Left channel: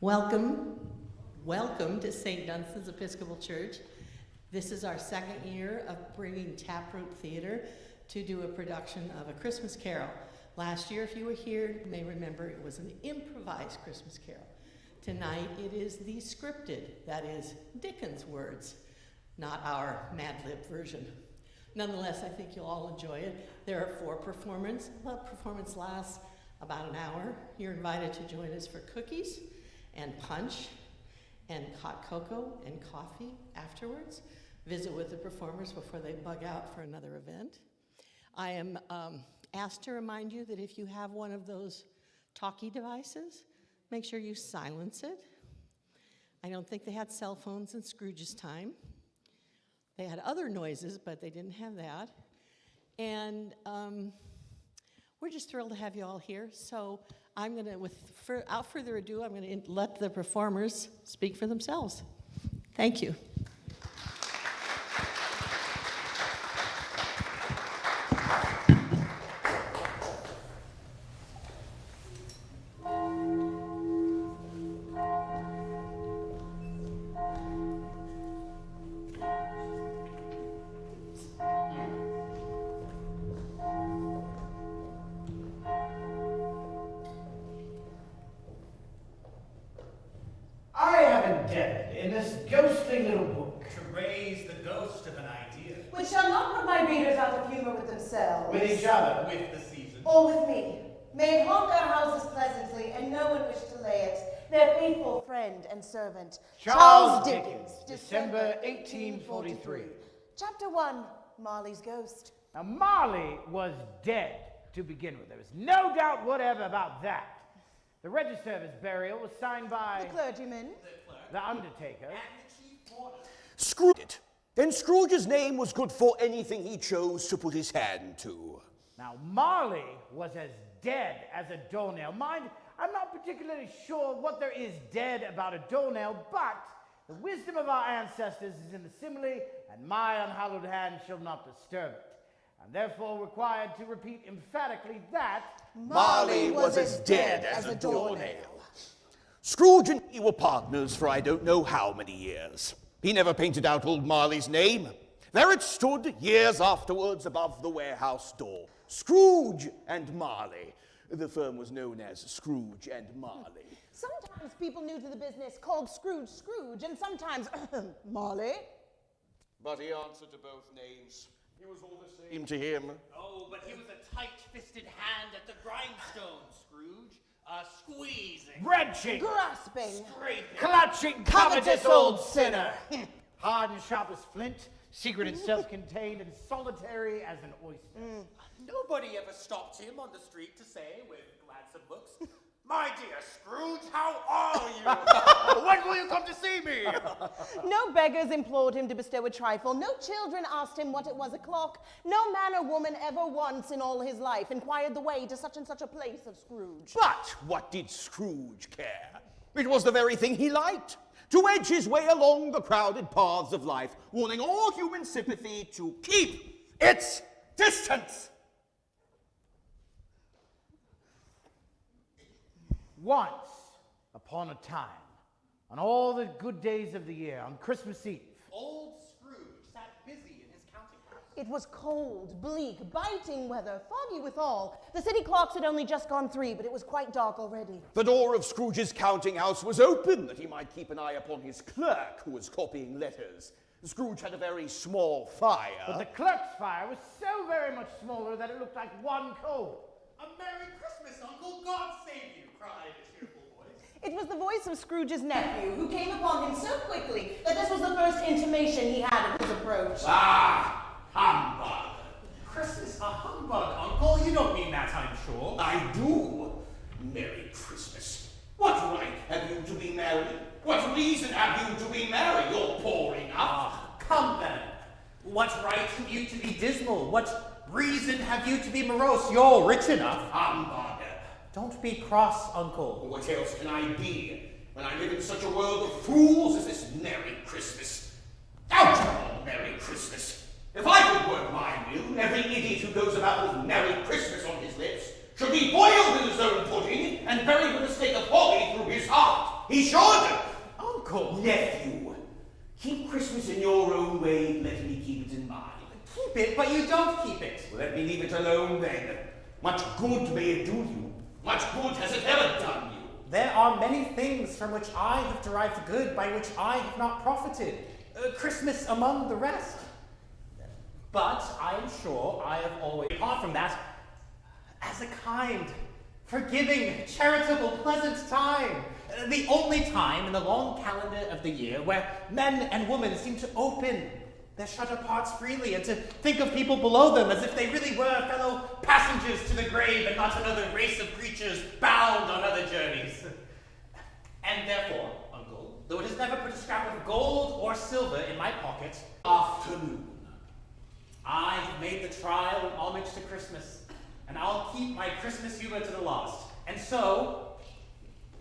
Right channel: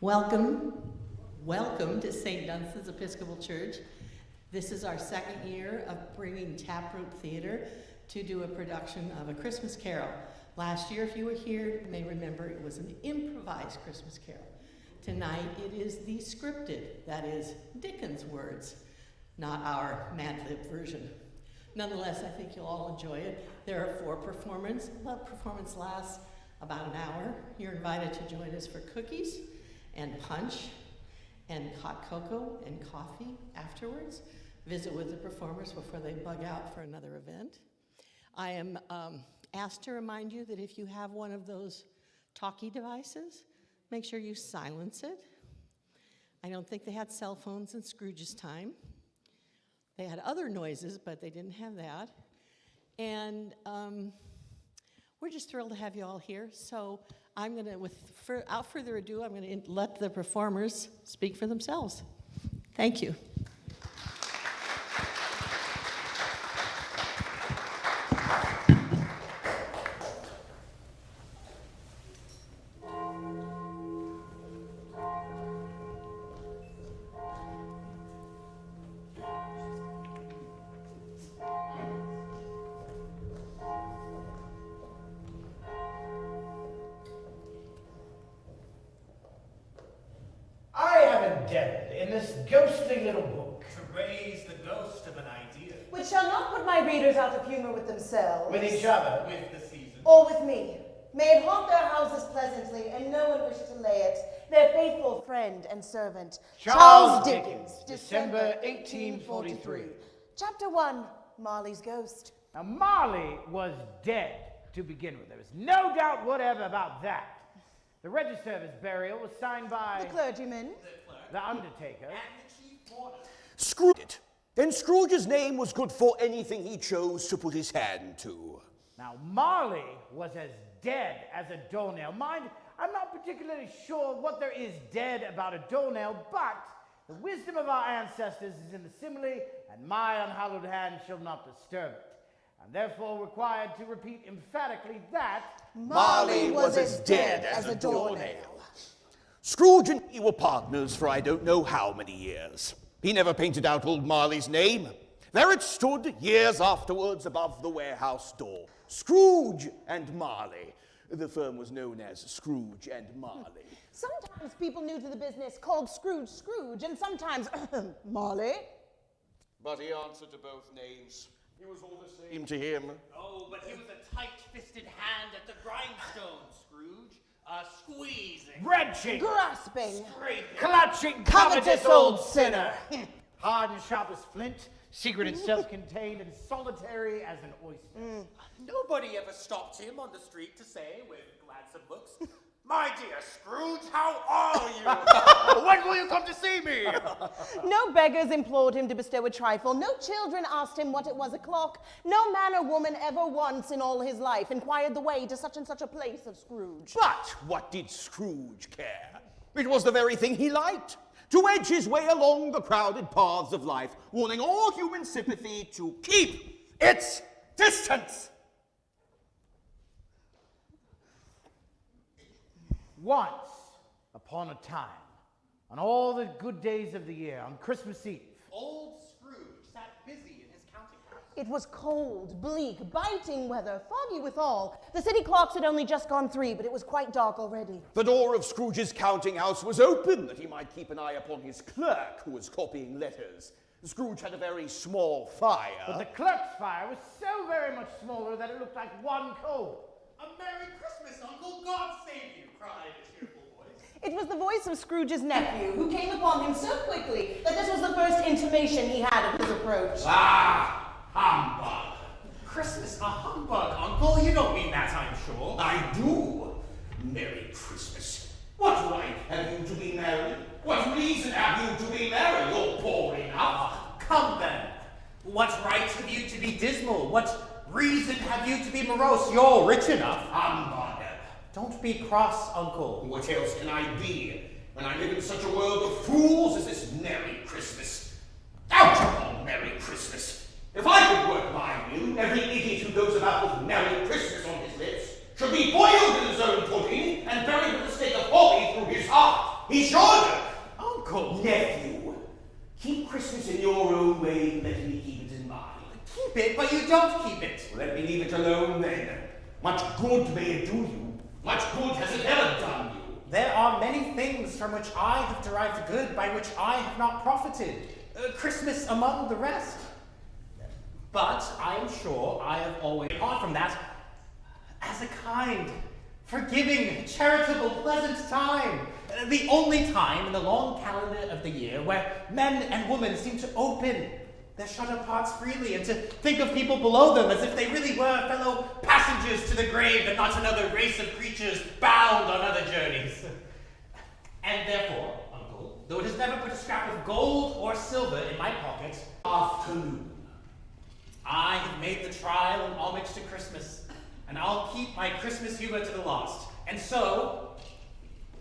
Welcome to St. Dunstan's Episcopal Church. This is our second year of bringing Taproot Theater to do a production of A Christmas Carol. Last year, if you were here, you may remember it was an improvised Christmas Carol. Tonight, it is the scripted, that is, Dickens' words, not our Mad Lib version. Nonetheless, I think you'll all enjoy it. There are 4 performances. The performance lasts about an hour. You're invited to join us for cookies and punch and hot cocoa and coffee afterwards. Visit with the performers before they bug out for another event. I am asked to remind you that if you have one of those talkie devices, make sure you silence it. I don't think they had cell phones in Scrooge's time. They had other noises, but they didn't have that. And we're just thrilled to have you all here. So I'm going to, without further ado, I'm going to let the performers speak for themselves. Thank you. In this ghostly little book. To raise the ghost of an idea. Which shall not put my readers out of humor with themselves. With each other. With the season. Or with me. May it haunt their houses pleasantly, and no one wish to lay it. Their faithful friend and servant, Charles Dickens, December 1843. Chapter 1, Marley's Ghost. Now, Marley was dead to begin with. There was no doubt whatever about that. The register of his burial was signed by... The clergyman. The undertaker. And the chief mourner. Scrooge. Then Scrooge's name was good for anything he chose to put his hand to. Now, Marley was as dead as a doornail. Mind, I'm not particularly sure what there is dead about a doornail, but the wisdom of our ancestors is in the simile, and my unhallowed hand shall not disturb it. I'm therefore required to repeat emphatically that Marley was as dead as a doornail. Scrooge and he were partners for I don't know how many years. He never painted out old Marley's name. There it stood years afterwards above the warehouse door. Scrooge and Marley. The firm was known as Scrooge and Marley. Sometimes people new to the business called Scrooge Scrooge, and sometimes Marley. But he answered to both names. He was all the same to him. Oh, but he was a tight-fisted hand at the grindstone, Scrooge. Squeezing. wrenching, Grasping. Scraping. clutching, covetous old sinner. Hard and sharp as flint, secret and self-contained, and solitary as an oyster. Nobody ever stopped him on the street to say, with gladsome looks, "My dear Scrooge, how are you? When will you come to see me?" No beggars implored him to bestow a trifle. No children asked him what it was o'clock. No man or woman ever once in all his life inquired the way to such and such a place of Scrooge. But what did Scrooge care? It was the very thing he liked. To edge his way along the crowded paths of life, warning all human sympathy to keep its distance. Once upon a time, on all the good days of the year, on Christmas Eve, Old Scrooge sat busy in his counting house. It was cold, bleak, biting weather, foggy withal. The city clocks had only just gone 3, but it was quite dark already. The door of Scrooge's counting house was open that he might keep an eye upon his clerk who was copying letters. Scrooge had a very small fire. but the clerk's fire was so very much smaller that it looked like one coal. "A Merry Christmas, Uncle! God save you!" cried a cheerful voice. It was the voice of Scrooge's nephew, who came upon him so quickly that this was the first intimation he had of his approach. Ah, humbug! Christmas a humbug, Uncle? You don't mean that, I'm sure. I do. Merry Christmas. What right have you to be merry? What reason have you to be merry? You're poor enough. Come then. What right have you to be dismal? What reason have you to be morose? You're rich enough. Humbug. Don't be cross, Uncle. What else can I be when I live in such a world of fools as this Merry Christmas? Out upon Merry Christmas! If I could work my will, every idiot who goes about with Merry Christmas on his lips should be boiled in his own pudding and buried with a stake of holly through his heart. He should! Uncle! Nephew, keep Christmas in your own way, let me keep it in mine. Keep it, but you don't keep it. Well, let me leave it alone then. Much good may it do you. Much good has it ever done you. There are many things from which I have derived good, by which I have not profited. Christmas among the rest. But I am sure I have always, apart from that, as a kind, forgiving, charitable, pleasant time. The only time in the long calendar of the year where men and women seem to open their shut-up hearts freely and to think of people below them as if they really were fellow passengers to the grave and not another race of creatures bound on other journeys. And therefore, Uncle, though it has never put a scrap of gold or silver in my pocket, Afternoon. I have made the trial in homage to Christmas, and I'll keep my Christmas humor to the last. And so,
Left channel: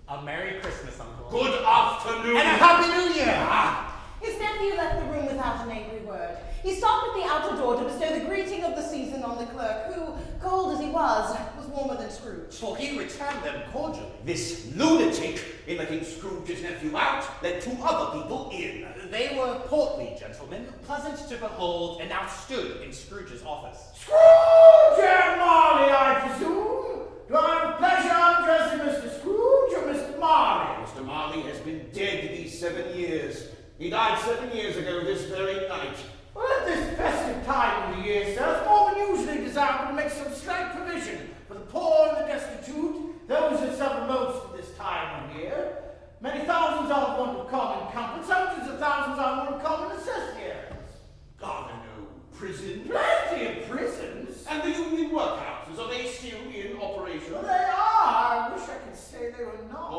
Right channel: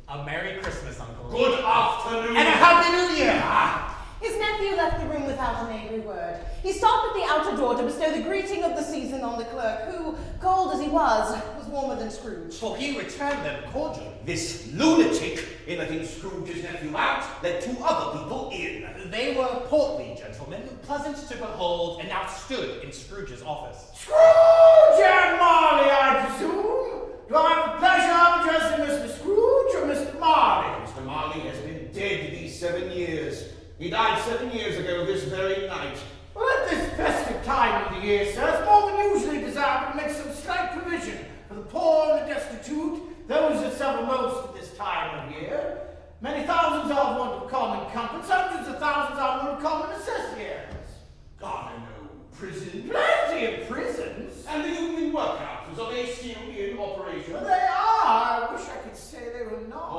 a Merry Christmas, Uncle. Good afternoon. And a Happy New Year! His nephew left the room without an angry word. He stopped at the outer door to bestow the greeting of the season on the clerk, who, cold as he was warmer than Scrooge. For he returned them cordially. This lunatic, in letting Scrooge's nephew out, let two other people in. They were portly gentlemen, pleasant to behold, and now stood in Scrooge's office. Scrooge and Marley, I presume? Do I have the pleasure of addressing Mr. Scrooge or Mr. Marley? Mr. Marley has been dead these 7 years. He died 7 years ago this very night. Well, at this festive time of the year, sir, it's more than usually desirable to make some slight provision for the poor and the destitute, those that suffer most at this time of year. Many thousands are in want of common comforts, hundreds of thousands are in want of common necessities. God, I know. Prison. Plenty of prisons. And the union workhouses, are they still in operation? Well, they are. I wish I could say they were not.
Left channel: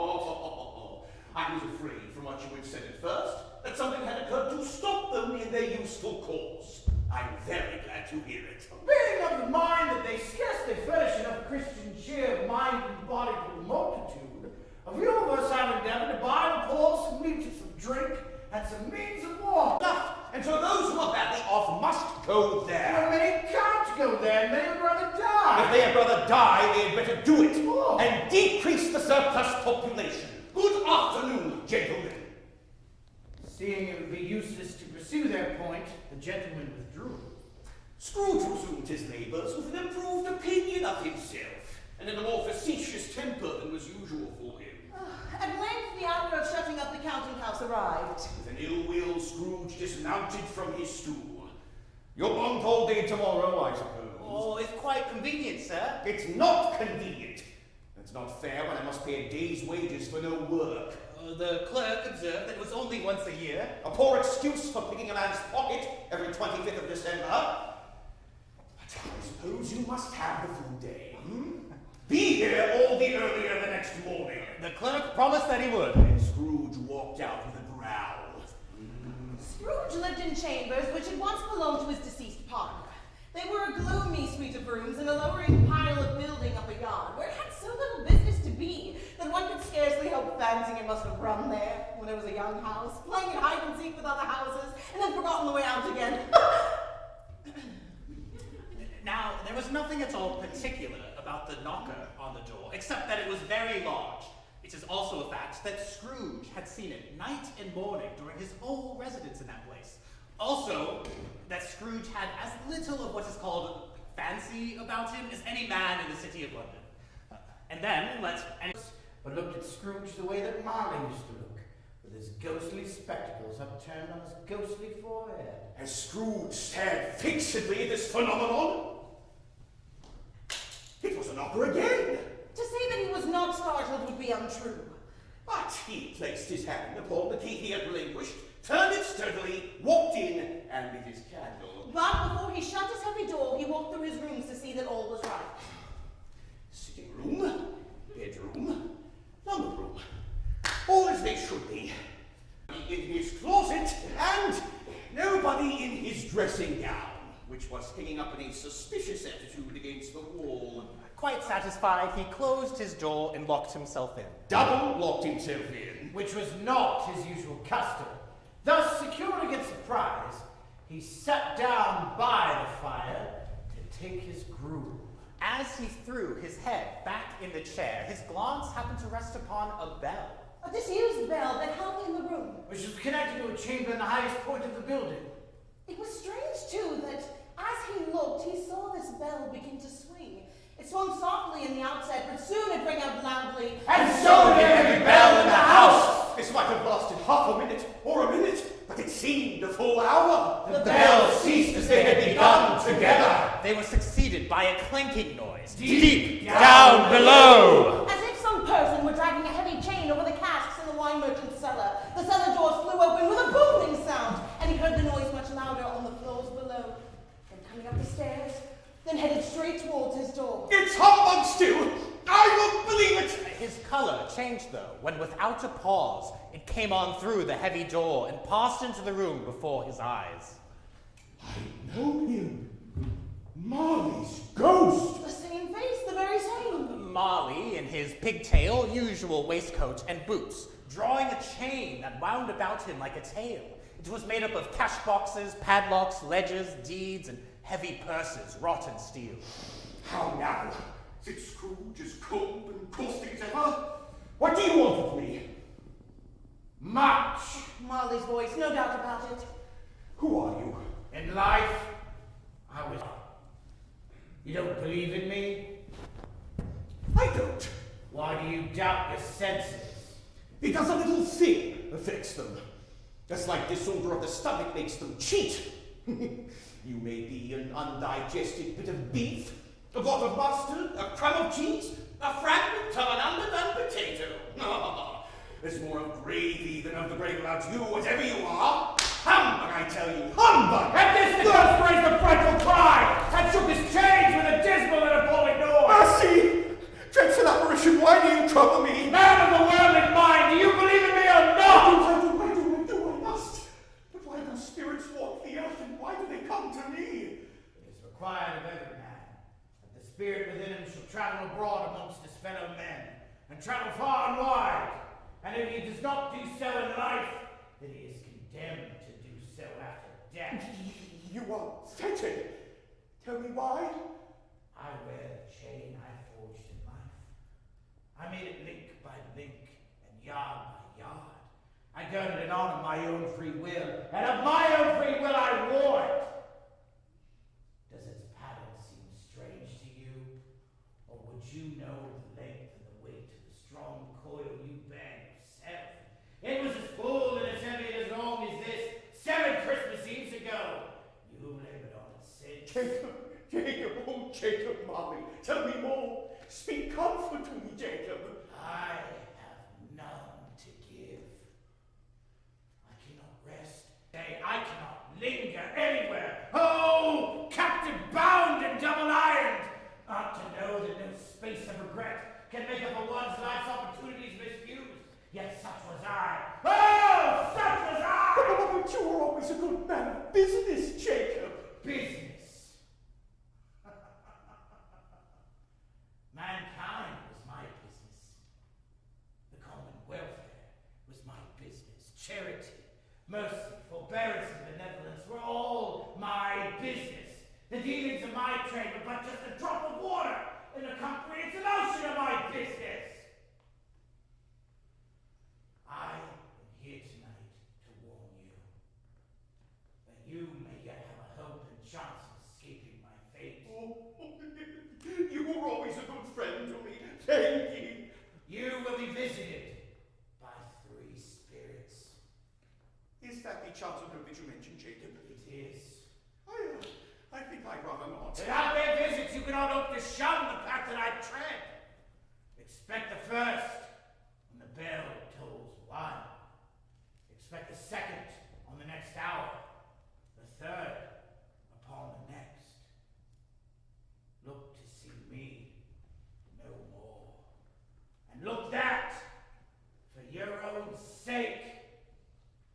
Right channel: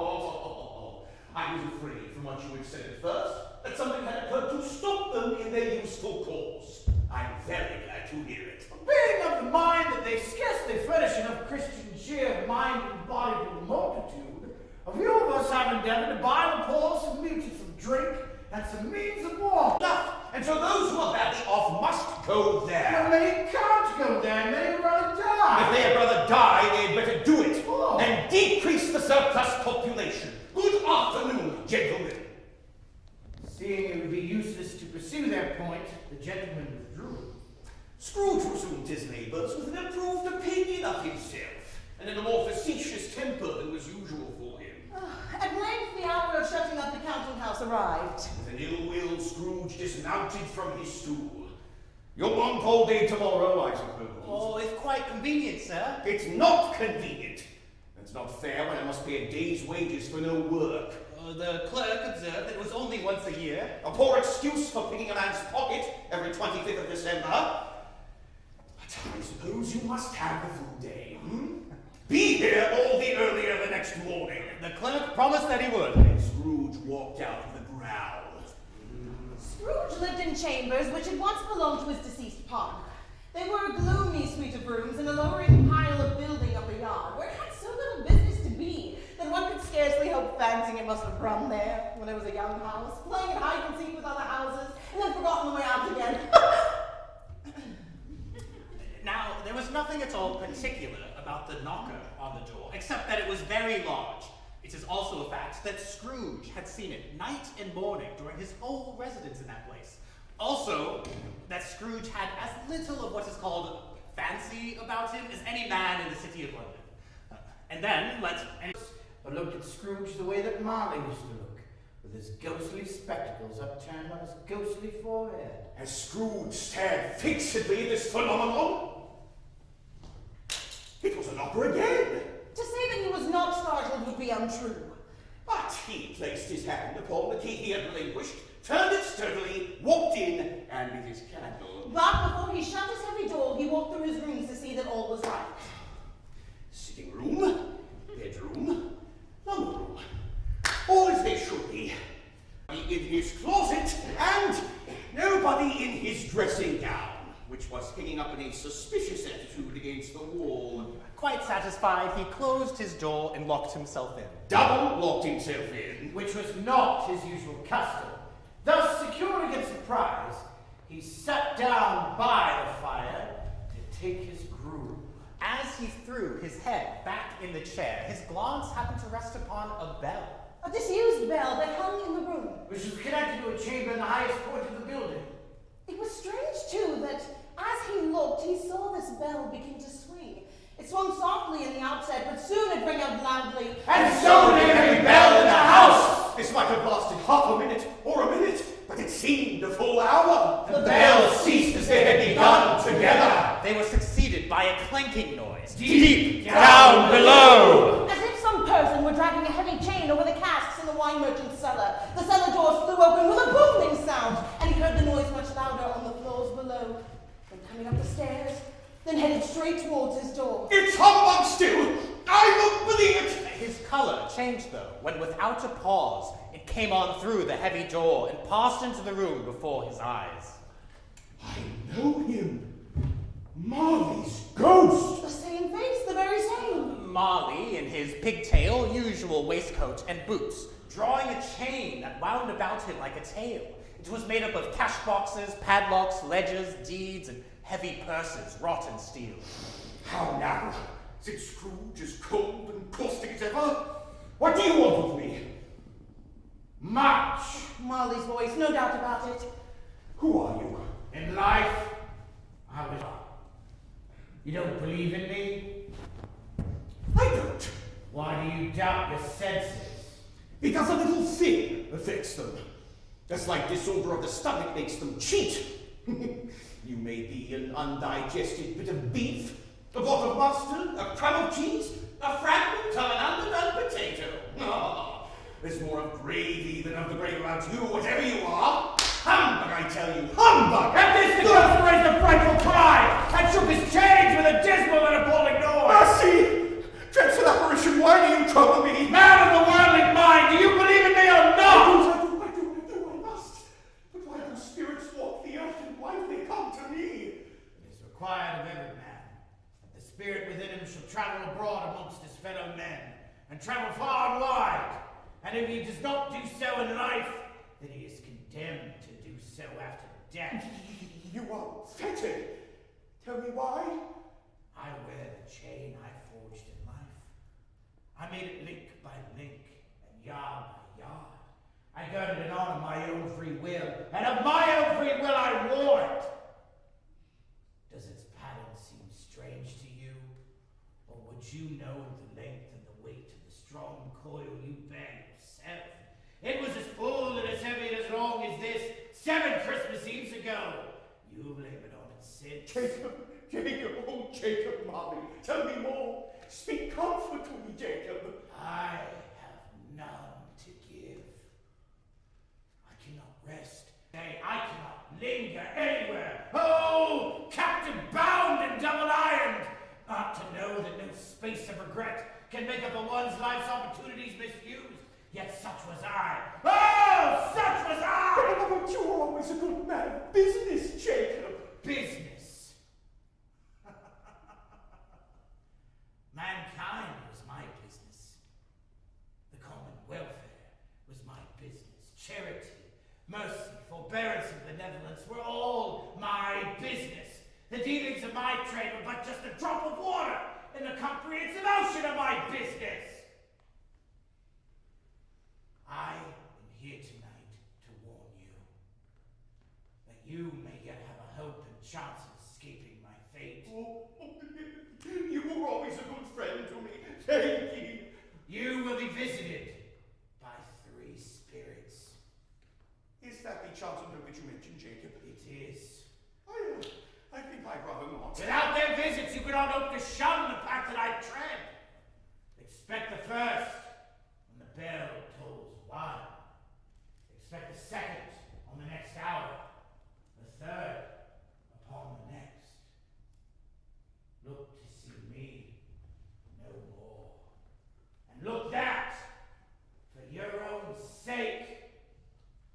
I was afraid from what you had said at first that something had occurred to stop them in their useful course. I'm very glad to hear it. Being of the mind that they scarcely furnish enough Christian cheer of mind and body for the multitude, a few of us have endeavored to buy the poor some meat and some drink and some means of warmth. And so those who are badly off must go there. But many can't go there, and many would rather die. If they had rather die, they had better do it Oh. and decrease the surplus population. Good afternoon, gentlemen. Seeing it would be useless to pursue their point, the gentleman withdrew. Scrooge resumed his labours with an improved opinion of himself, and in a more facetious temper than was usual for him. At length, the hour of shutting up the counting house arrived. With an ill-will, Scrooge dismounted from his stool. You'll want all day tomorrow, I suppose. Oh, if quite convenient, sir. It's not convenient. It's not fair when I must pay a day's wages for no work. The clerk observed that it was only once a year. A poor excuse for picking a man's pocket every 25th of December. But I suppose you must have the full day, Be here all the earlier the next morning. The clerk promised that he would. And Scrooge walked out with a growl. Scrooge lived in chambers which had once belonged to his deceased partner. They were a gloomy suite of rooms in a lowering pile of building up a yard, where it had so little business to be that one could scarcely help fancying it must have run there when it was a young house, playing at hide and seek with other houses, and then forgotten the way out again. Now, there was nothing at all particular about the knocker on the door, except that it was very large. It is also a fact that Scrooge had seen it night and morning during his whole residence in that place. Also, that Scrooge had as little of what is called fancy about him as any man in the city of London. But looked at Scrooge the way that Marley used to look, with his ghostly spectacles upturned on his ghostly forehead. As Scrooge stared fixedly at this phenomenon, it was a knocker again. To say that he was not startled would be untrue. But he placed his hand upon the key he had relinquished, turned it sturdily, walked in, and lit his candle. But before he shut his heavy door, he walked through his rooms to see that all was right. Sitting room, bedroom, lumber room, all as they should be. In his closet, and nobody in his dressing gown, which was hanging up in a suspicious attitude against the wall. Quite satisfied, he closed his door and locked himself in. Double locked himself in. Which was not his usual custom. Thus, secure against surprise, he sat down by the fire to take his gruel. As he threw his head back in the chair, his glance happened to rest upon a bell. A disused bell that hung in the room. Which was connected to a chamber in the highest point of the building. It was strange, too, that as he looked, he saw this bell begin to swing. It swung softly in the outset, but soon it rang out loudly. And so did every bell in the house! This might have lasted half a minute or a minute, but it seemed a full hour. The bells ceased as they had begun together. They were succeeded by a clanking noise. Deep down below! As if some person were dragging a heavy chain over the casks in the wine merchant's cellar. The cellar doors flew open with a booming sound, and he heard the noise much louder on the floors below. Then coming up the stairs, then headed straight towards his door. It's humbug still! I won't believe it! His color changed, though, when without a pause, it came on through the heavy door and passed into the room before his eyes. I know him. Marley's ghost! The same face, the very same. Marley, in his pigtail, usual waistcoat, and boots, drawing a chain that wound about him like a tail. It was made up of cash boxes, padlocks, ledgers, deeds, and heavy purses, wrought in steel. How now? Is Scrooge as cold and caustic as ever? What do you want with me? Much! Marley's voice, no doubt about it. Who are you? In life, I was. You don't believe in me? I don't. Why do you doubt your senses? Because a little thing affects them. Just like disorder of the stomach makes them cheat. You may be an undigested bit of beef, a pot of mustard, a crumb of cheese, a fragment of an underdone potato. There's more of gravy than of the bread about you, whatever you are. Humbug, I tell you, humbug! At this, the ghost raised a frightful cry and shook his chains with a dismal and appalling noise. Mercy! Dreadful apparition, why do you trouble me? Man of the worldly mind, do you believe in me or not? I must. But why do spirits walk the earth, and why do they come to me? It is required of every man that the spirit within him shall travel abroad amongst his fellow men, and travel far and wide. And if he does not do so in life, then he is condemned to do so after death. You are fettered. Tell me why? I wear the chain I forged in life. I made it link by link and yard by yard. I girded it on of my own free will, and of my own free will I wore it. Does its pattern seem strange to you? Or would you know the length and the weight of the strong coil you bear yourself? It was as full and as heavy and as long as this 7 Christmas Eves ago. You labored on it since. Jacob, oh Jacob, Marley, tell me more. Speak comfort to me, Jacob. I have none to give. I cannot rest. Nay, I cannot linger anywhere. Oh, captive bound and double ironed. Not to know that no space of regret can make up a one's life's opportunities misused. Yet such was I. Oh, such was I! But you were always a good man of business, Jacob. Business. Mankind was my business. The common welfare was my business. Charity, mercy, forbearance, and benevolence were all my business. The dealings of my trade were but just a drop of water in the comprehensive ocean of my business. I am here tonight to warn you that you may yet have a hope and chance of escaping my fate. Oh, you were always a good friend to me. Thank you. You will be visited by 3 spirits. Is that the Johnson that you mentioned, Jacob? It is. I think I'd rather not. Without their visits, you cannot hope to shun the path that I tread. Expect the first when the bell tolls 1. Expect the second on the next hour. The third upon the next. Look to see me no more. And look that, for your own sake,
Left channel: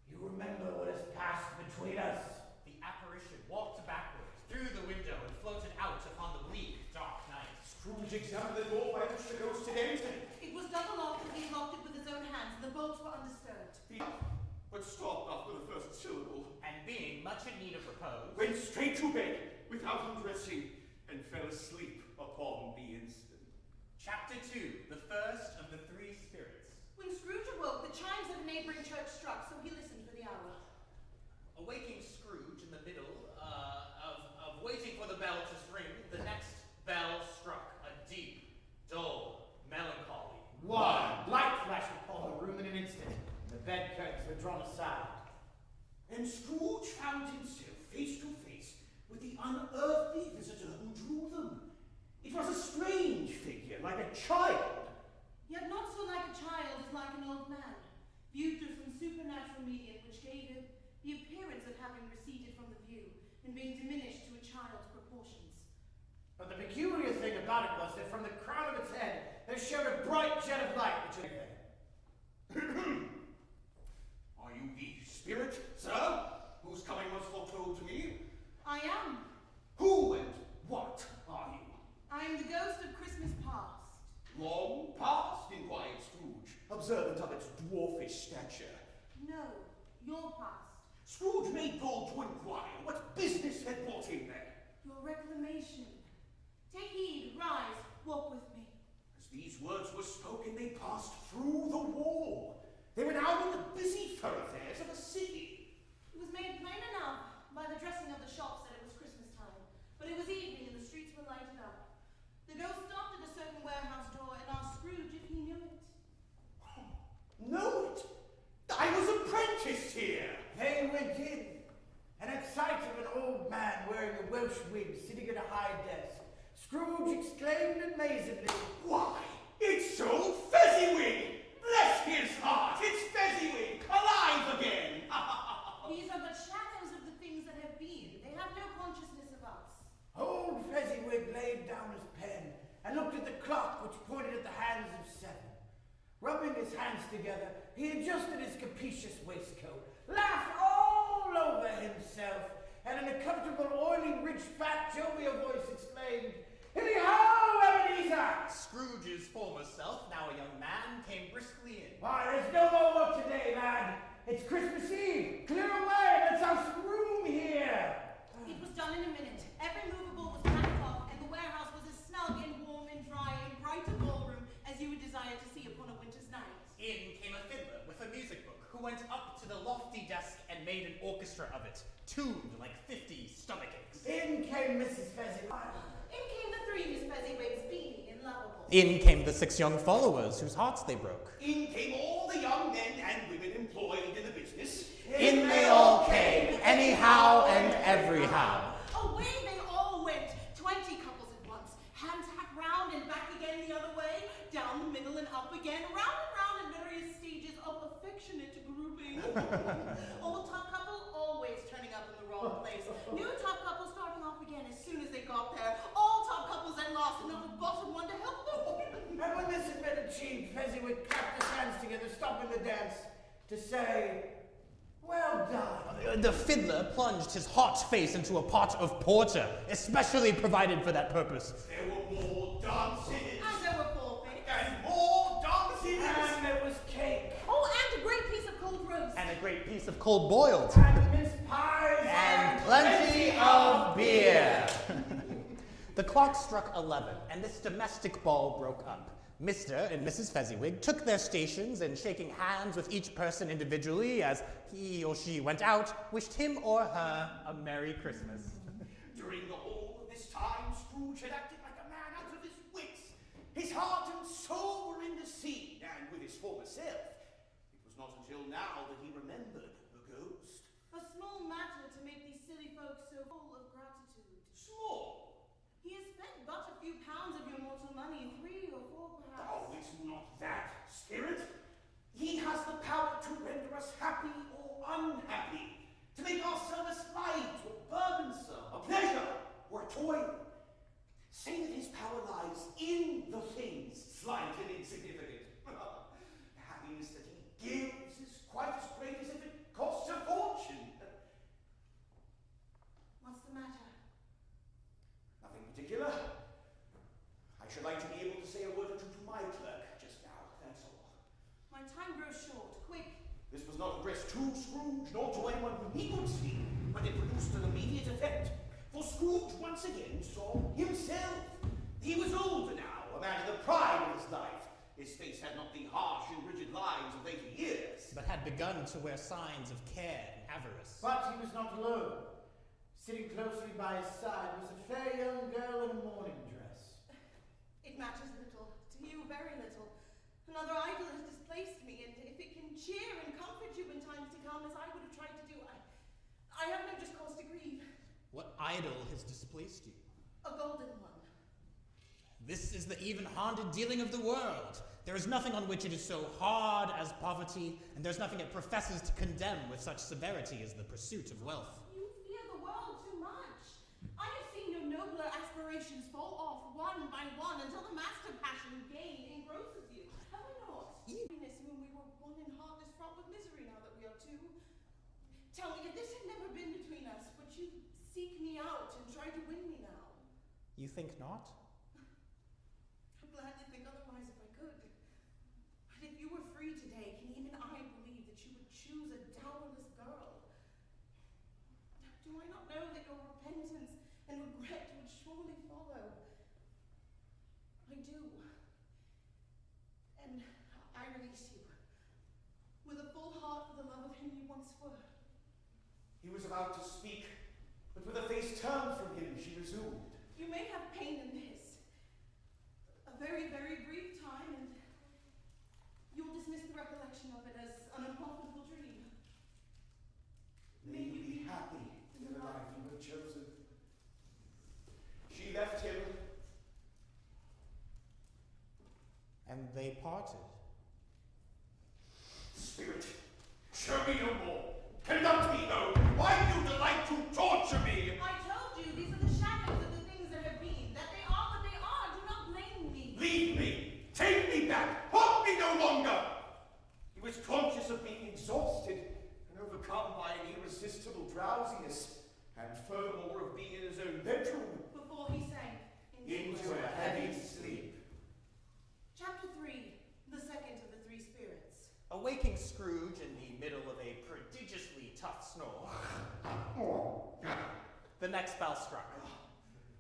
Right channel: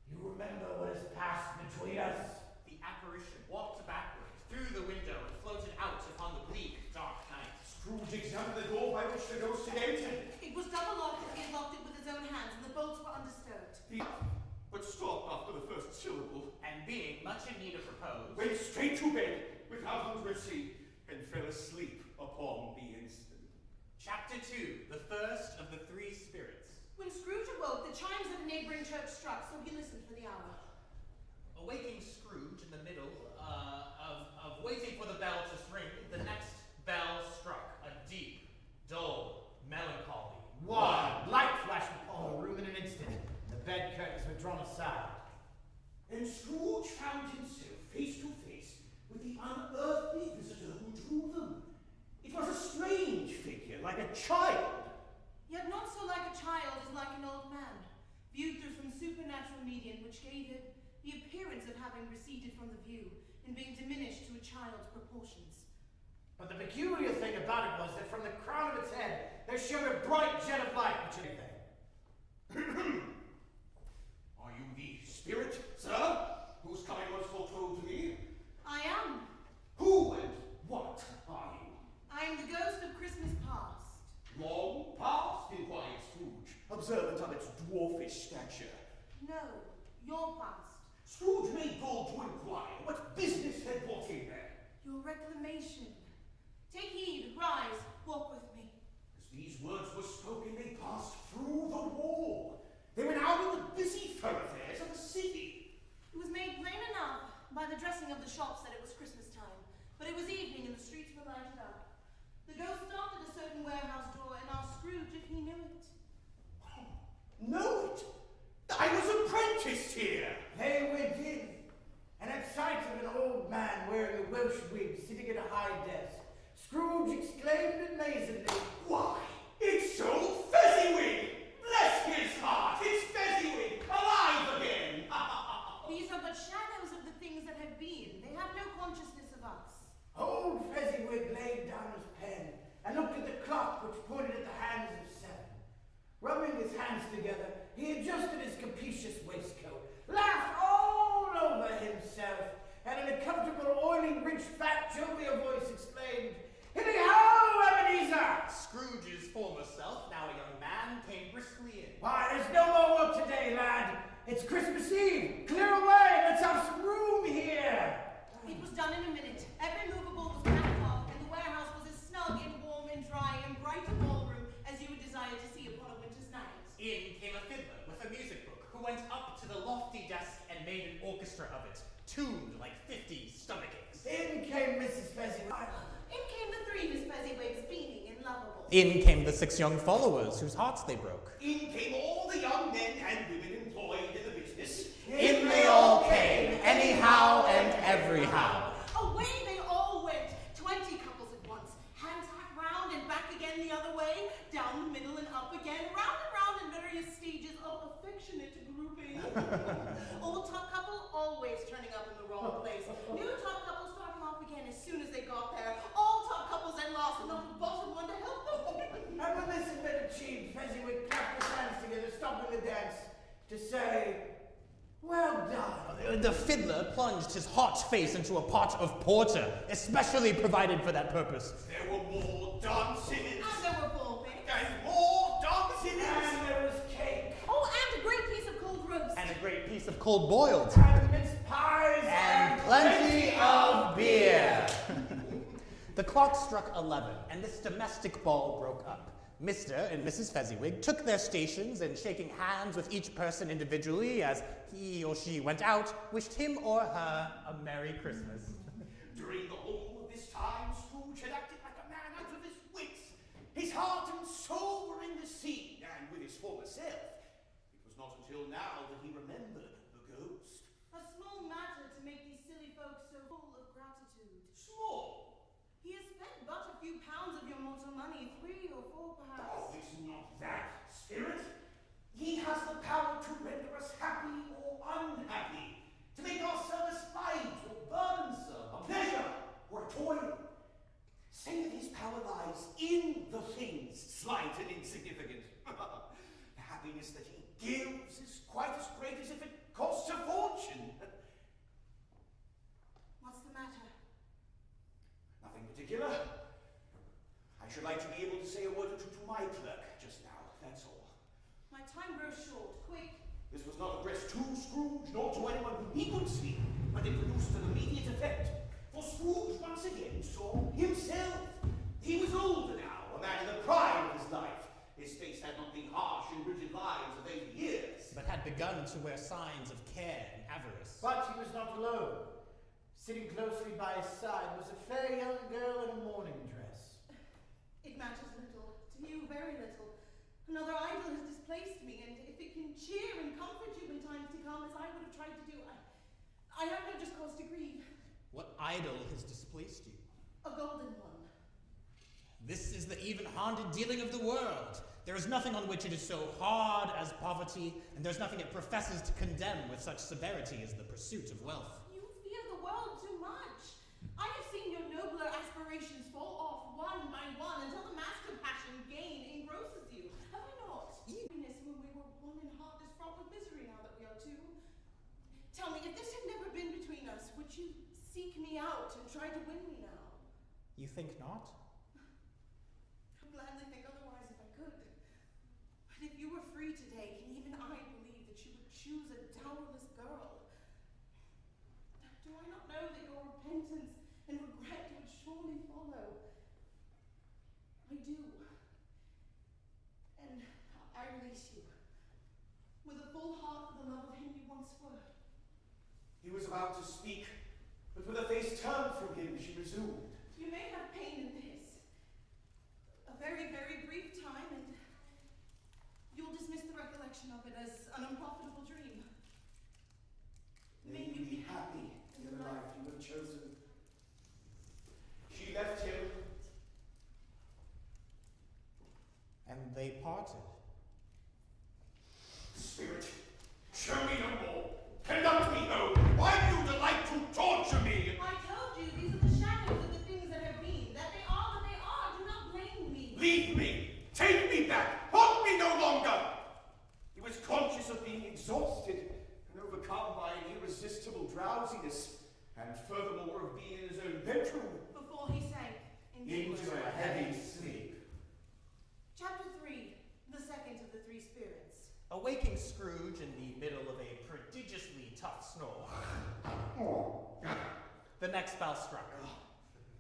you remember what has passed between us. The apparition walked backwards through the window and floated out upon the bleak, dark night. Scrooge examined the door by which the ghost had entered. It was double locked, and he had locked it with his own hands, and the bolts were undisturbed. But stopped after the first syllable. And being much in need of repose, Went straight to bed without undressing and fell asleep upon the instant. Chapter 2, the first of the 3 spirits. When Scrooge awoke, the chimes of a neighboring church struck, so he listened for the hour. Awaking Scrooge in the middle of waiting for the bell to ring, the next bell struck. A deep, dull, melancholy. One light flashed upon the room in an instant. The bed curtains were drawn aside. And Scrooge found himself face to face with the unearthly visitor who drew them. It was a strange figure, like a child. Yet not so like a child as like an old man, viewed through some supernatural medium which gave him the appearance of having receded from the view and being diminished to a child's proportions. But the peculiar thing about it was that from the crown of its head there shone a bright jet of light which had Are you the spirit, sir, whose coming was foretold to me? I am. Who and what are you? I am the ghost of Christmas past. Long past, inquired Scrooge, observant of its dwarfish stature. No, your past. Scrooge made bold to inquire what business had brought him there. Your reclamation. Take heed, rise, walk with me. As these words were spoken, they passed through the wall. They were now in the busy thoroughfares of a city. It was made plain enough by the dressing of the shops that it was Christmas time, but it was evening and the streets were lighted up. The ghost stopped at a certain warehouse door and asked Scrooge if he knew it. Know it? I was apprenticed here. They went in, and at sight of an old man wearing a Welsh wig sitting at a high desk, Scrooge exclaimed amazedly, Why, it's old Fezziwig! Bless his heart, it's Fezziwig, alive again! These are but shadows of the things that have been. They have no consciousness of us. Old Fezziwig laid down his pen and looked at the clock which pointed at the hands of 7. Rubbing his hands together, he adjusted his capacious waistcoat, laughed all over himself, and in a comfortable, oily, rich, fat, jovial voice exclaimed, Hilly-ho, Ebenezer! Scrooge's former self, now a young man, came briskly in. Why, there's no more work today, lad. It's Christmas Eve. Clear away. Let's have some room here. It was done in a minute. Every movable was packed off, and the warehouse was as snug and warm and dry and bright a ballroom as you would desire to see upon a winter's night. In came a fiddler with a music book, who went up to the lofty desk and made an orchestra of it, tuned like 50 stomachaches. In came Mrs. Fezziwig. In came the 3 Miss Fezziwigs, beaming and lovable. In came the 6 young followers, whose hearts they broke. In came all the young men and women employed in the business. In they all came, anyhow and everyhow. Away they all went, 20 couples at once, hands hacked round and back again the other way, down the middle and up again, round and round in various stages of affectionate grouping. Old top couple always turning up in the wrong place. New top couple starting off again as soon as they got there. All top couples at lost and not a bottom one to help them. And when this had been achieved, Fezziwig clapped his hands together, stopping the dance, to say, Well done. The fiddler plunged his hot face into a pot of porter, especially provided for that purpose. There were more dancing. And there were ballpits. And more dancing. And there was cake. Oh, and a great piece of cold roast. And a great piece of cold boiled. And mince pies. And plenty of beer. The clock struck 11, and this domestic ball broke up. Mr. and Mrs. Fezziwig took their stations, and shaking hands with each person individually as he or she went out, wished him or her a Merry Christmas. During the whole of this time, Scrooge had acted like a man out of his wits. His heart and soul were in the scene, and with his former self. It was not until now that he remembered the ghost. A small matter to make these silly folks so full of gratitude. Small. He has spent but a few pounds of your mortal money, 3 or 4 perhaps. Oh, it's not that, spirit. He has the power to render us happy or unhappy, to make our service light or burdensome, a pleasure or a toil. Say that his power lies in the things slight and insignificant. The happiness that he gives is quite as great as if it costs a fortune. What's the matter? Nothing particular. I should like to be able to say a word or two to my clerk just now, that's all. My time grows short. Quick. This was not addressed to Scrooge, nor to anyone whom he could see, but it produced an immediate effect. For Scrooge once again saw himself. He was older now, a man in the prime of his life. His face had not been harsh in rigid lines of 80 but had begun to wear signs of care and avarice. But he was not alone. Sitting closely by his side was a fair young girl in a mourning dress. It matters little, to you very little. Another idol has displaced me, and if it can cheer and comfort you in times to come, as I would have tried to do, I have no just cause to grieve. What idol has displaced you? A golden one. This is the even-handed dealing of the world. There is nothing on which it is so hard as poverty, and there's nothing it professes to condemn with such severity as the pursuit of wealth. You fear the world too much. I have seen your nobler aspirations fall off one by one until the master passion gain engrosses you. Have I not? Happiness when we were one in heart is fraught with misery now that we are two. Tell me, if this had never been between us, would you seek me out and try to win me now? You think not? I'd gladly think otherwise if I could. But if you were free today, can even I believe that you would choose a dowerless girl? Do I not know that your repentance and regret would surely follow? I do. And I release you, with a full heart for the love of him you once were. He was about to speak, but with a face turned from him, she resumed. You may have pain in this. A very, very brief time, and you'll dismiss the recollection of it as an unprofitable dream. May you be happy in the life you have chosen. She left him. And they parted. Spirit, show me no more. Conduct me home. Why do you delight to torture me? I told you these are the shadows of the things that have been. That they are what they are. Do not blame me. Leave me. Take me back. Hold me no longer. He was conscious of being exhausted and overcome by an irresistible drowsiness, and furthermore of being in his own bedroom. Before he sank Into a heavy sleep. Chapter 3, the second of the three spirits. Awaking Scrooge in the middle of a prodigiously tough snore, the next bell struck.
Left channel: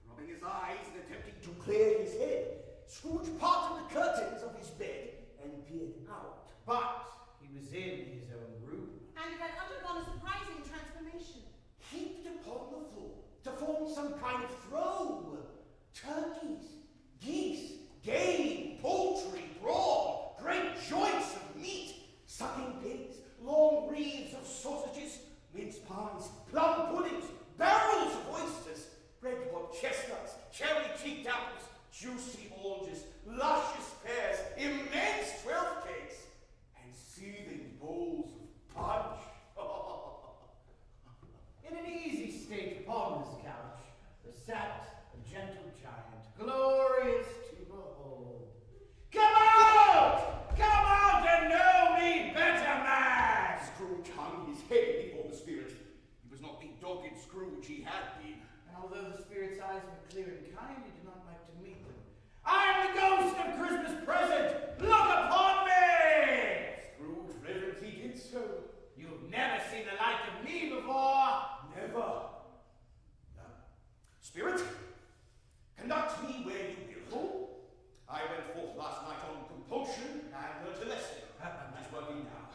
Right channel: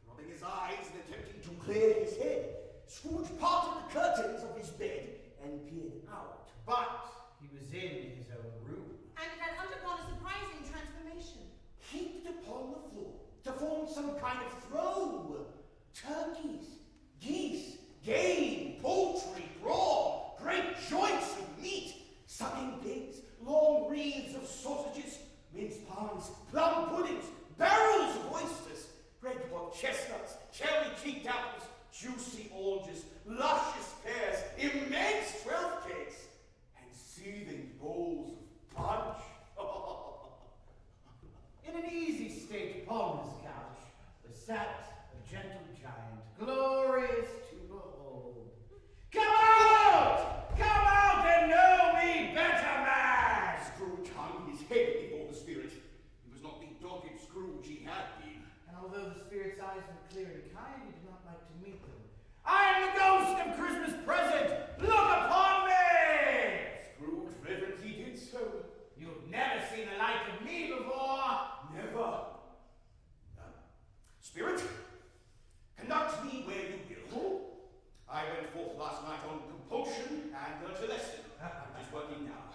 Rubbing his eyes and attempting to clear his head, Scrooge parted the curtains of his bed and peered out. But he was in his own room. And had undergone a surprising transformation. Heaped upon the floor to form some kind of throw. Turkeys, geese, game, poultry, brawn, great joints of meat, sucking pigs, long wreaths of sausages, mince pies, plum puddings, barrels of oysters, red-hot chestnuts, cherry-cheeked apples, juicy oranges, luscious pears, immense 12 cakes, and seething bowls of punch. In an easy state upon this couch, there sat a gentle giant, glorious to behold. Come out! Come out and know me better, man! Scrooge hung his head before the spirit. He was not the dogged Scrooge he had been. And although the spirit's eyes were clear and kind, he did not like to meet them. I am the ghost of Christmas present! Look upon me! Scrooge reverently did so. You've never seen the like of me before! Never. Spirit, conduct me where you will. I went forth last night on compulsion and learnt a lesson, which is working now.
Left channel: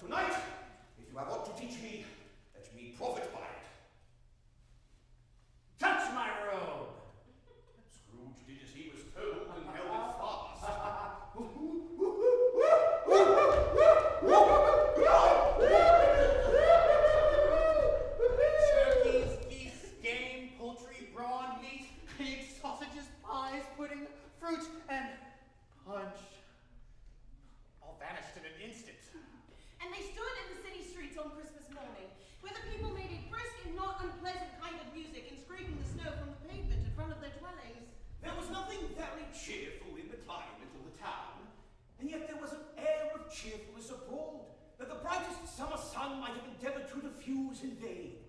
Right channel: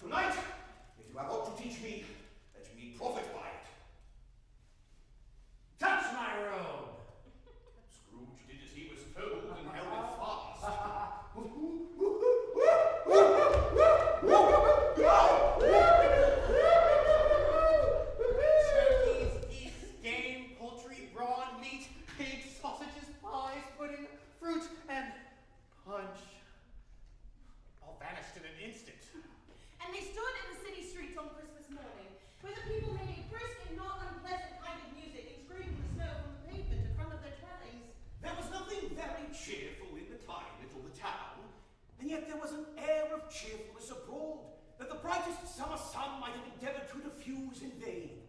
Tonight, if you have aught to teach me, let me profit by it. Touch my robe! Scrooge did as he was told and held it fast. Turkeys, geese, game, poultry, brawn, meat, pigs, sausages, pies, pudding, fruit, and punch. All vanished in an instant. And they stood in the city streets on Christmas morning, where the people made a brisk and not unpleasant kind of music and scraping the snow from the pavement in front of their dwellings. There was nothing very cheerful in the climate of the town, and yet there was an air of cheerfulness abroad that the brightest summer sun might have endeavored to diffuse in vain.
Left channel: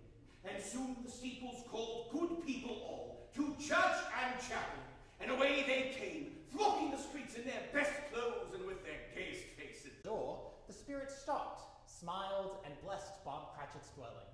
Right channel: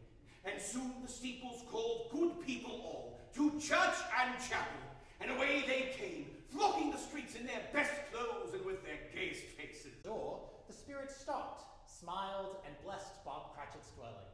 And soon the steeples called good people all to church and chapel, and away they came, flocking the streets in their best clothes and with their gayest faces. Door, the spirit stopped, smiled, and blessed Bob Cratchit's dwelling.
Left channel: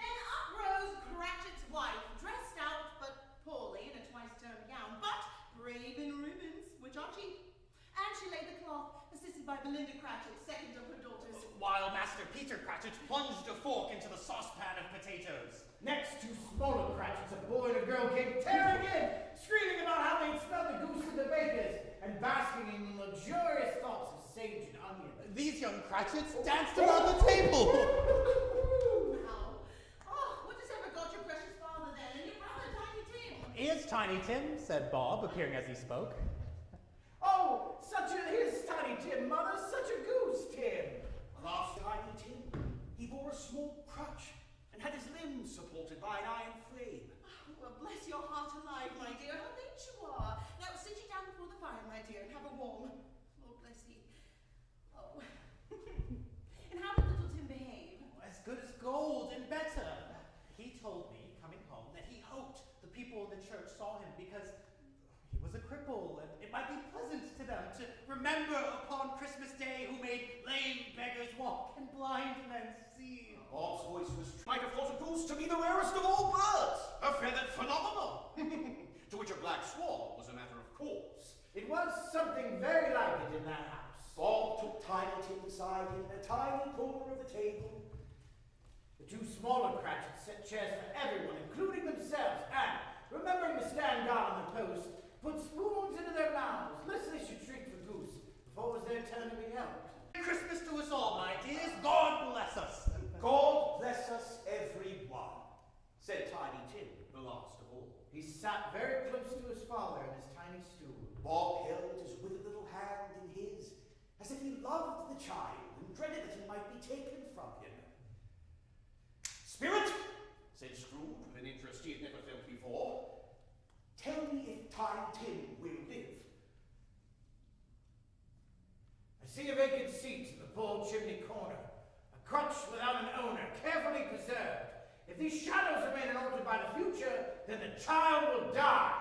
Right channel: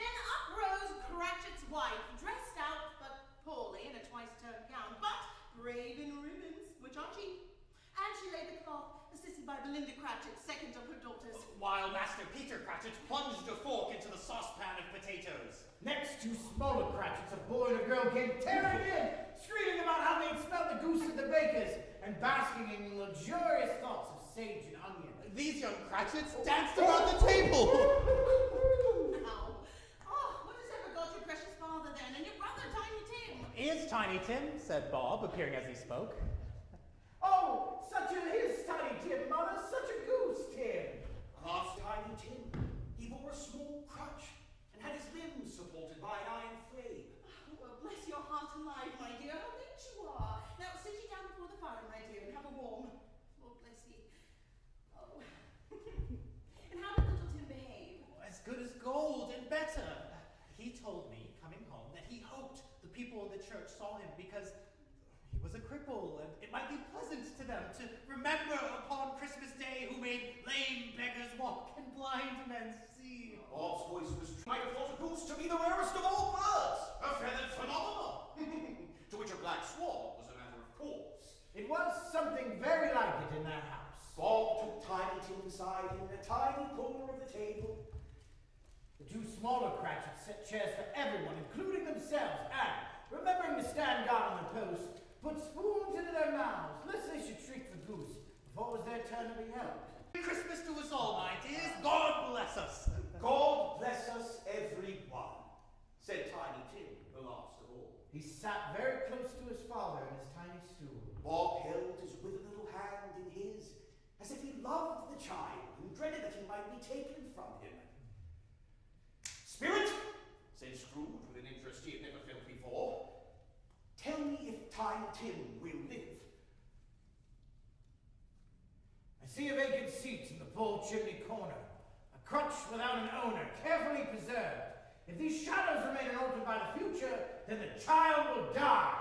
Then up rose Cratchit's wife, dressed out but poorly in a twice-turned gown, but brave in ribbons, which are cheap. And she laid the cloth, assisted by Belinda Cratchit, second of her daughters. While Master Peter Cratchit plunged a fork into the saucepan of potatoes. Next, two smaller Cratchits, a boy and a girl, came tearing in, screaming about how they'd smelled the goose at the baker's, and basking in luxurious thoughts of sage and onion. These young Cratchits danced around the table. Now, what has ever got your precious father then, and your brother Tiny Tim? Here's Tiny Tim, said Bob, appearing as he spoke. Oh, his Tiny Tim, mother, such a goose, Tim. Alas, Tiny Tim, he bore a small crutch and had his limbs supported by an iron frame. Oh, well, bless your heart alive, my dear. How late you are. Now sit ye down before the fire, my dear, and have a warm. Oh, bless ye. Oh. And how did little Tim behave? As good as gold and better. He told me, coming home, that he hoped the people in the church saw him because he was a cripple, and it might be pleasant to them to remember upon Christmas Day who made lame beggars walk and blind men see. Bob's voice was might have thought a goose to be the rarest of all birds, a feathered phenomenon, to which a black swan was a matter of course. It was something very like it in that house. Bob took Tiny Tim beside him in a tiny corner of the table. The two smaller Cratchits set chairs for everyone, including themselves, and, remembering to stand guard on the post, put spoons into their mouths, lest they should treat the goose before it was their turn to be helped. Christmas to us all, my dears. God bless us. God bless us every one, said Tiny Tim, the last of all. He sat very close to his father in his tiny stool. Bob held his withered little hand in his, as if he loved the child and dreaded that he might be taken from him. Spirit, said Scrooge with an interest he had never felt before, tell me if Tiny Tim will live. I see a vacant seat in the full chimney corner, a crutch without an owner, carefully preserved. If these shadows remain unaltered by the future, then the child will die.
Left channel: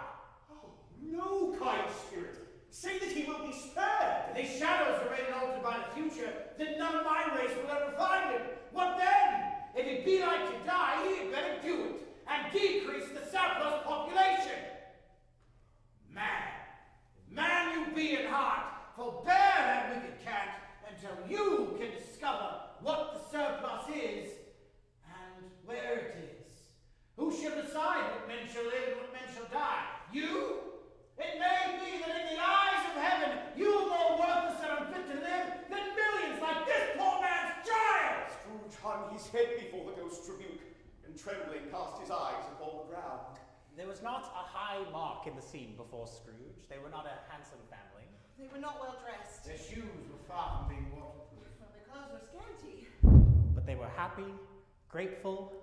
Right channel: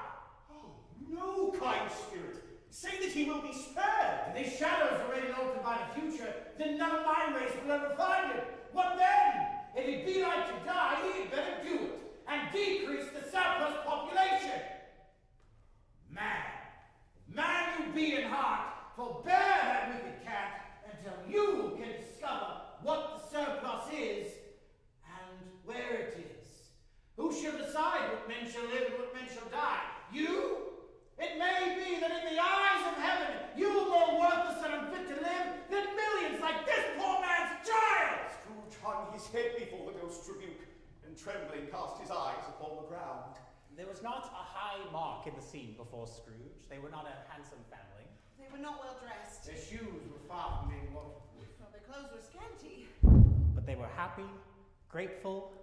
Oh, no, kind spirit. Say that he will be spared. If these shadows remain unaltered by the future, then none of my race will ever find him. What then? If it be like to die, he had better do it, and decrease the surplus population. Man you be in heart, forbear that wicked cant, until you can discover what the surplus is, and where it is. Who shall decide what men shall live and what men shall die? You? It may be that in the eyes of heaven, you are more worthless and unfit to live than millions like this poor man's child! Scrooge hung his head before the ghost's rebuke, and trembling cast his eyes upon the ground. There was not a high mark in the scene before Scrooge. They were not a handsome family. They were not well dressed. Their shoes were far from being waterproof. Well, their clothes were scanty. But they were happy, grateful,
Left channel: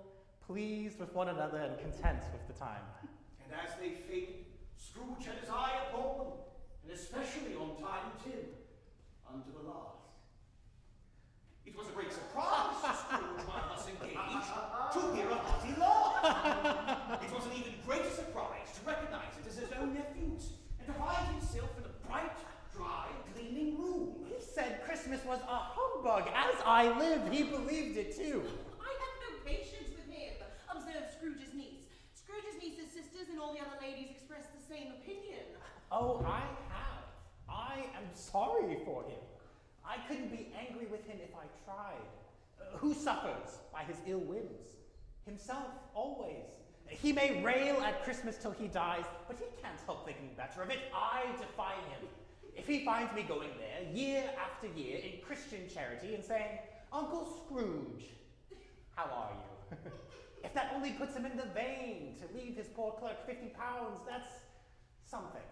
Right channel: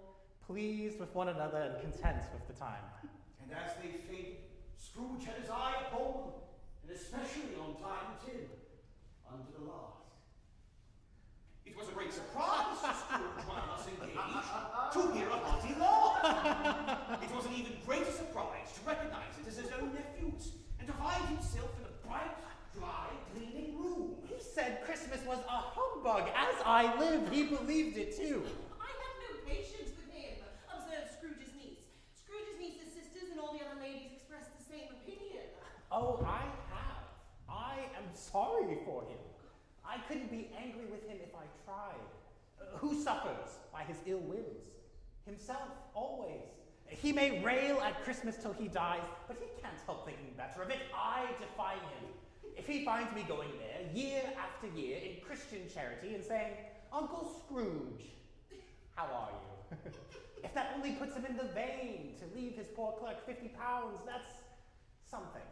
pleased with one another, and content with the time. And as they faded, Scrooge had his eye upon them, and especially on Tiny Tim, unto the last. It was a great surprise to Scrooge while thus engaged to hear a hearty laugh. It was an even greater surprise to recognize it as his own nephew's, and to find himself in a bright, dry, gleaming room. He said Christmas was a humbug. As I live, he believed it too. I have no patience with him, observed Scrooge's niece. Scrooge's niece's sisters and all the other ladies expressed the same opinion. Oh, I have. I am sorry for him. I couldn't be angry with him if I tried. Who suffers by his ill whims? Himself, always. He may rail at Christmas till he dies, but he can't help thinking better of it. I defy him. If he finds me going there year after year in Christian charity and saying, Uncle Scrooge, how are you? If that only puts him in the vein to leave his poor clerk £50, that's something.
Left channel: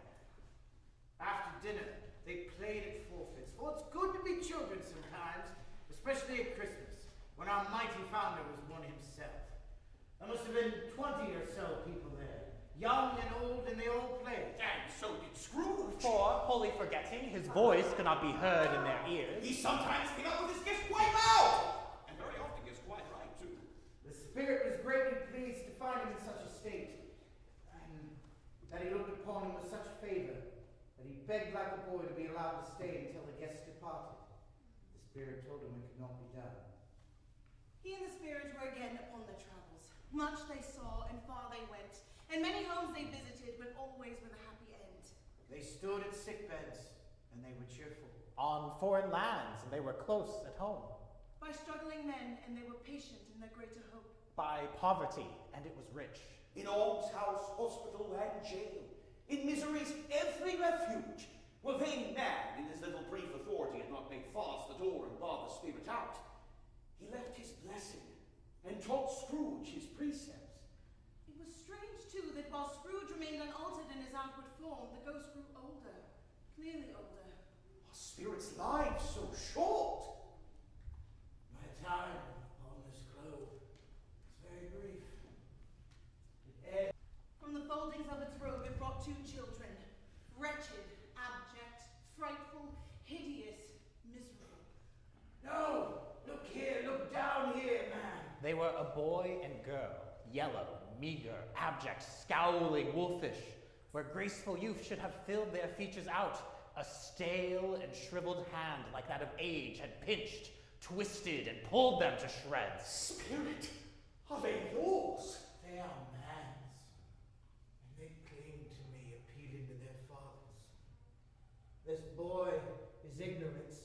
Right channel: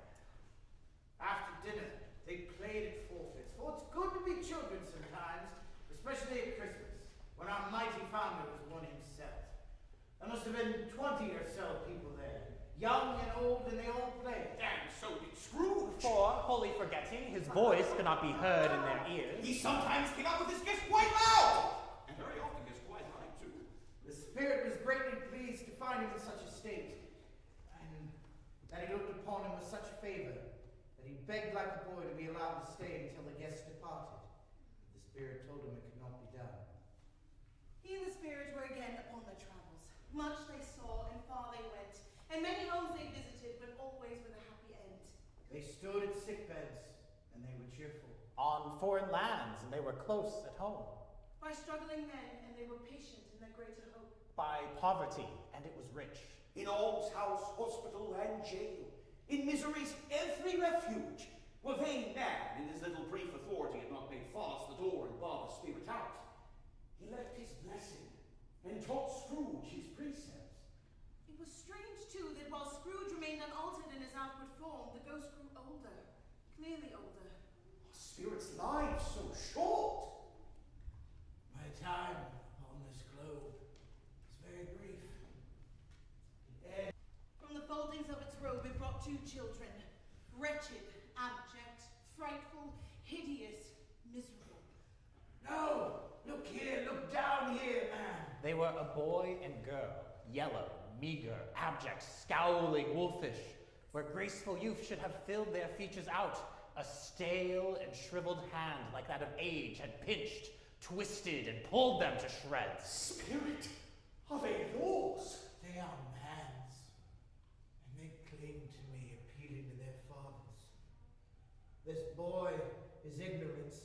After dinner, they played at forfeits, for it's good to be children sometimes, especially at Christmas, when our mighty founder was born himself. There must have been 20 or so people there, young and old, and they all played. And so did Scrooge. For, wholly forgetting, his voice could not be heard in their ears. He sometimes came out with his gift quite loud, and very often gets quite high too. The spirit was greatly pleased to find him in such a state, and that he looked upon him with such favor, that he begged like a boy to be allowed to stay until the guests departed. The spirit told him it could not be done. He and the spirit were again upon their travels. Much they saw, and far they went, and many homes they visited, but always with a happy end. They stood at sick beds, and they were cheerful. on foreign lands, and they were close at home. By struggling men, and they were patient in their greater hope. By poverty, and it was rich. In almshouse, hospital, and jail, in misery's every refuge, where vain man, in his little brief authority, had not made fast the door and barred the spirit out. He left his blessing, and taught Scrooge his precepts. It was strange, too, that while Scrooge remained unaltered in his outward form, the ghost grew older, clearly older. Our spirit's lives so short. My time on this globe is very brief. From the foldings of its robe it brought two children, wretched, abject, frightful, hideous, miserable. No! Look here, look down here, man. They were a boy and girl, yellow, meager, abject, scowling, wolfish, where graceful youth should have filled their features out. A stale and shriveled hand like that of age had pinched, twisted, and pulled them to shreds. Spirit, are they yours? They are man's, and they cling to me, appealing to their fathers. This boy is ignorance,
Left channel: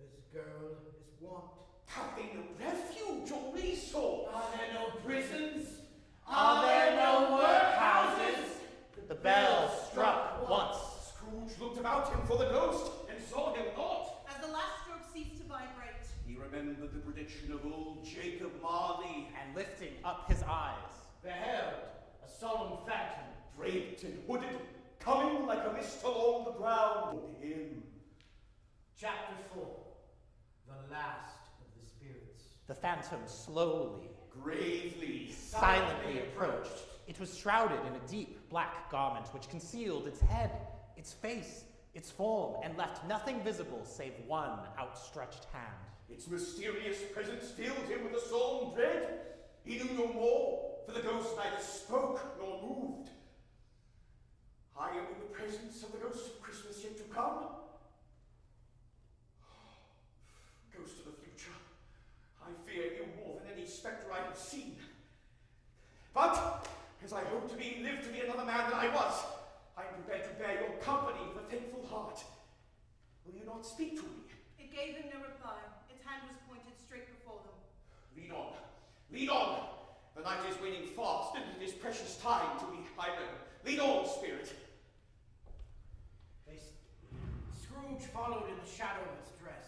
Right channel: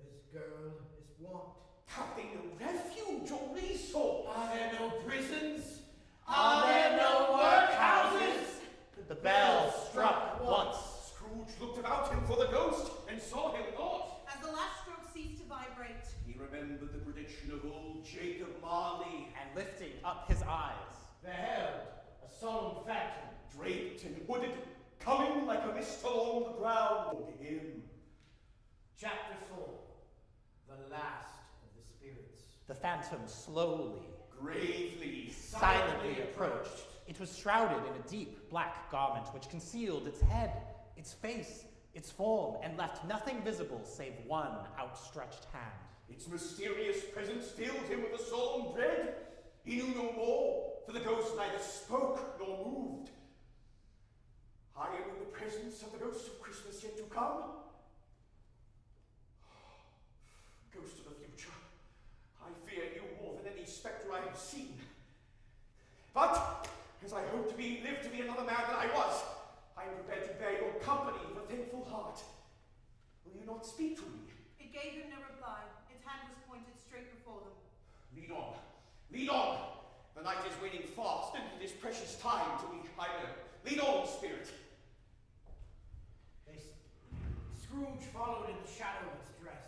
this girl is want. Have they no refuge or resource? Are there no prisons? Are there no workhouses? The bell struck once. Scrooge looked about him for the ghost and saw him not. As the last stroke ceased to vibrate, He remembered the prediction of old Jacob Marley, And lifting up his eyes, Beheld a solemn phantom. draped and hooded, coming like a mist along the ground toward him. Chapter 4. The last of the spirits. the phantom slowly, Gravely, silently approached. It was shrouded in a deep black garment which concealed its head, its face, its form, and left nothing visible save one outstretched hand. Its mysterious presence filled him with a solemn dread. He knew no more, for the ghost neither spoke nor moved. I am in the presence of the ghost of Christmas yet to come. Ghost of the future, I fear you more than any spectre I have seen. But, as I hope to live to be another man than I was, I am prepared to bear your company with a thankful heart. Will you not speak to me? it gave him no reply. Its hand was pointed straight before them. Lead on. Lead on. The night is waning fast, and it is precious time to be, I know. Lead on, spirit. Scrooge followed in the shadow of its dress.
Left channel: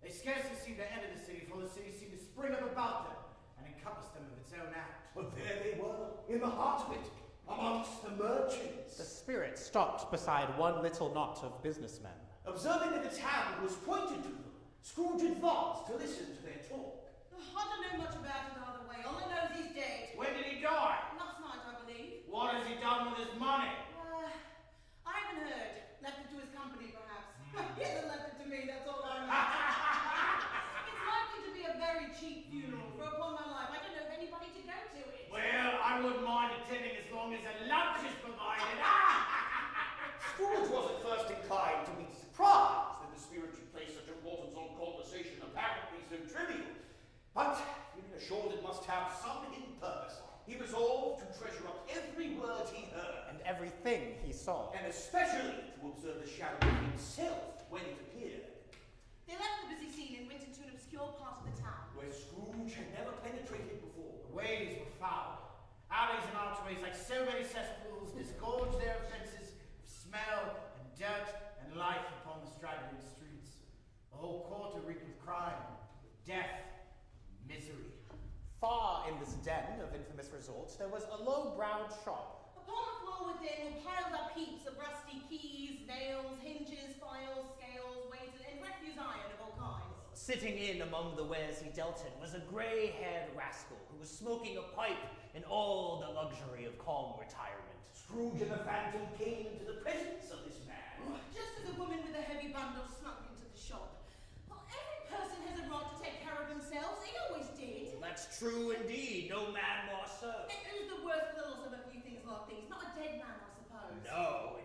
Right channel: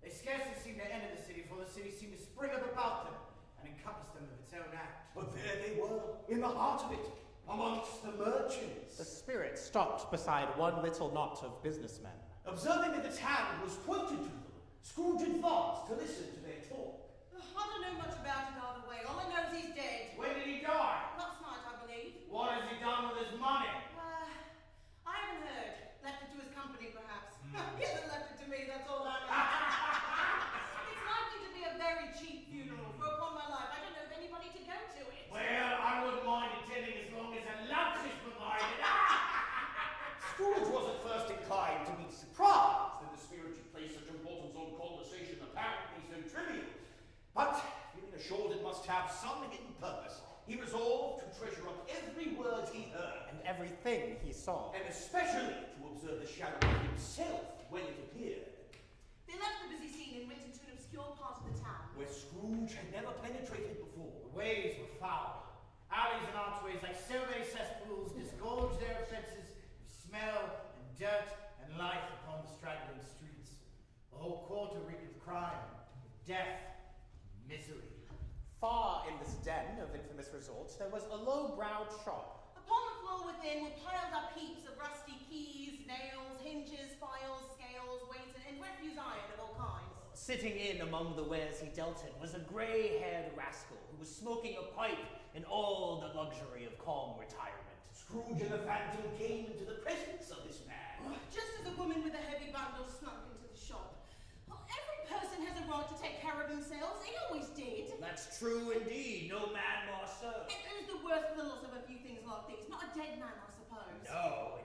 They scarcely seemed to enter the city, for the city seemed to spring up about them and encompass them of its own act. But there they were, in the heart of it, amongst the merchants. The spirit stopped beside one little knot of businessmen. Observing that its hand was pointed to them, Scrooge advanced to listen to their talk. I don't know much about it either way. All I know is he's dead. When did he die? Last night, I believe. What has he done with his money? I haven't heard. Left it to his company, perhaps. He hasn't left it to me, that's all I know. It's likely to be a very cheap funeral, for upon my life, I don't know of anybody to go to it. Well, I wouldn't mind attending as long as a lunch is provided. Scrooge was at first inclined to be surprised that the spirit should place such importance on conversation apparently so trivial. But, feeling assured it must have some hidden purpose, he resolved to treasure up every word he heard, And everything he saw. and especially to observe the shadow of himself when it appeared, They left the busy scene and went into an obscure part of the town. where Scrooge had never penetrated before. The ways were foul. Alleys and archways, like so many cesspools, disgorged their offences of smell and dirt and life upon the straggling streets. The whole quarter reeked with crime, with death, and misery. Far in this den of infamous resorts, there was a low-browed shop. Upon the floor within were piled up heaps of rusty keys, nails, hinges, files, scales, weights, and refuse iron of all kinds. Sitting in among the wares he dealt in was a grey-haired rascal who was smoking a pipe in all the luxury of calm retirement. Scrooge and the Phantom came into the presence of this man. Just as a woman with a heavy bundle snuck into the shop. Well, every person has a right to take care of themselves. They always did. That's true indeed, no man more so. And who's the worst littles of a few things like these? Not a dead man, I suppose. No.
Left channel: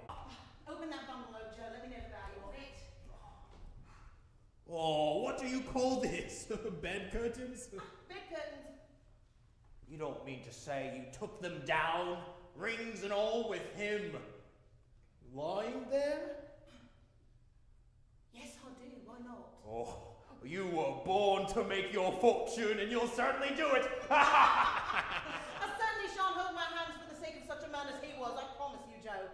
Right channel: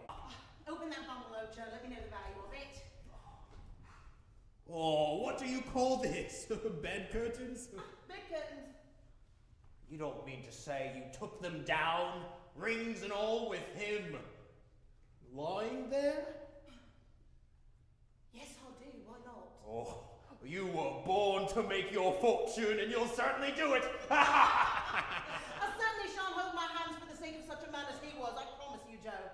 Open that bundle, Ojo. Let me know the value of it. Oh, what do you call this? Bed curtains? Bed curtains. You don't mean to say you took them down, rings and all, with him lying there? Yes, I Oh, you were born to make your fortune, and you'll certainly do it. I certainly shan't hold my hands for the sake of such a man as he was, I promise you, Joe.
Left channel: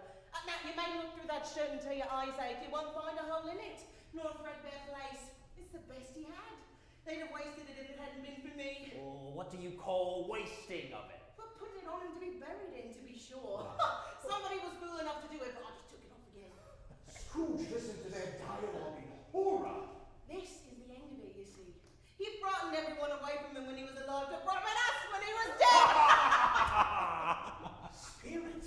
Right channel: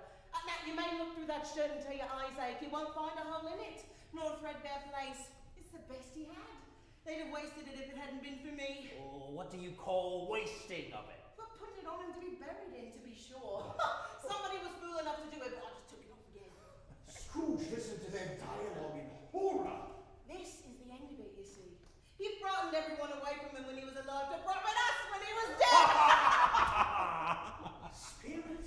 Now, you may look through that shirt until your eyes ache. You won't find a hole in it, nor a threadbare place. It's the best he had. They'd have wasted it if it hadn't been for me. Oh, what do you call wasting of it? But putting it on him to be buried in, to be sure. Somebody was fool enough to do it, but I just took it off again. Scrooge listened to their dialogue in horror. This is the end of it, you see. He frightened everyone away from him when he was alive to profit us when he was dead. Spirit,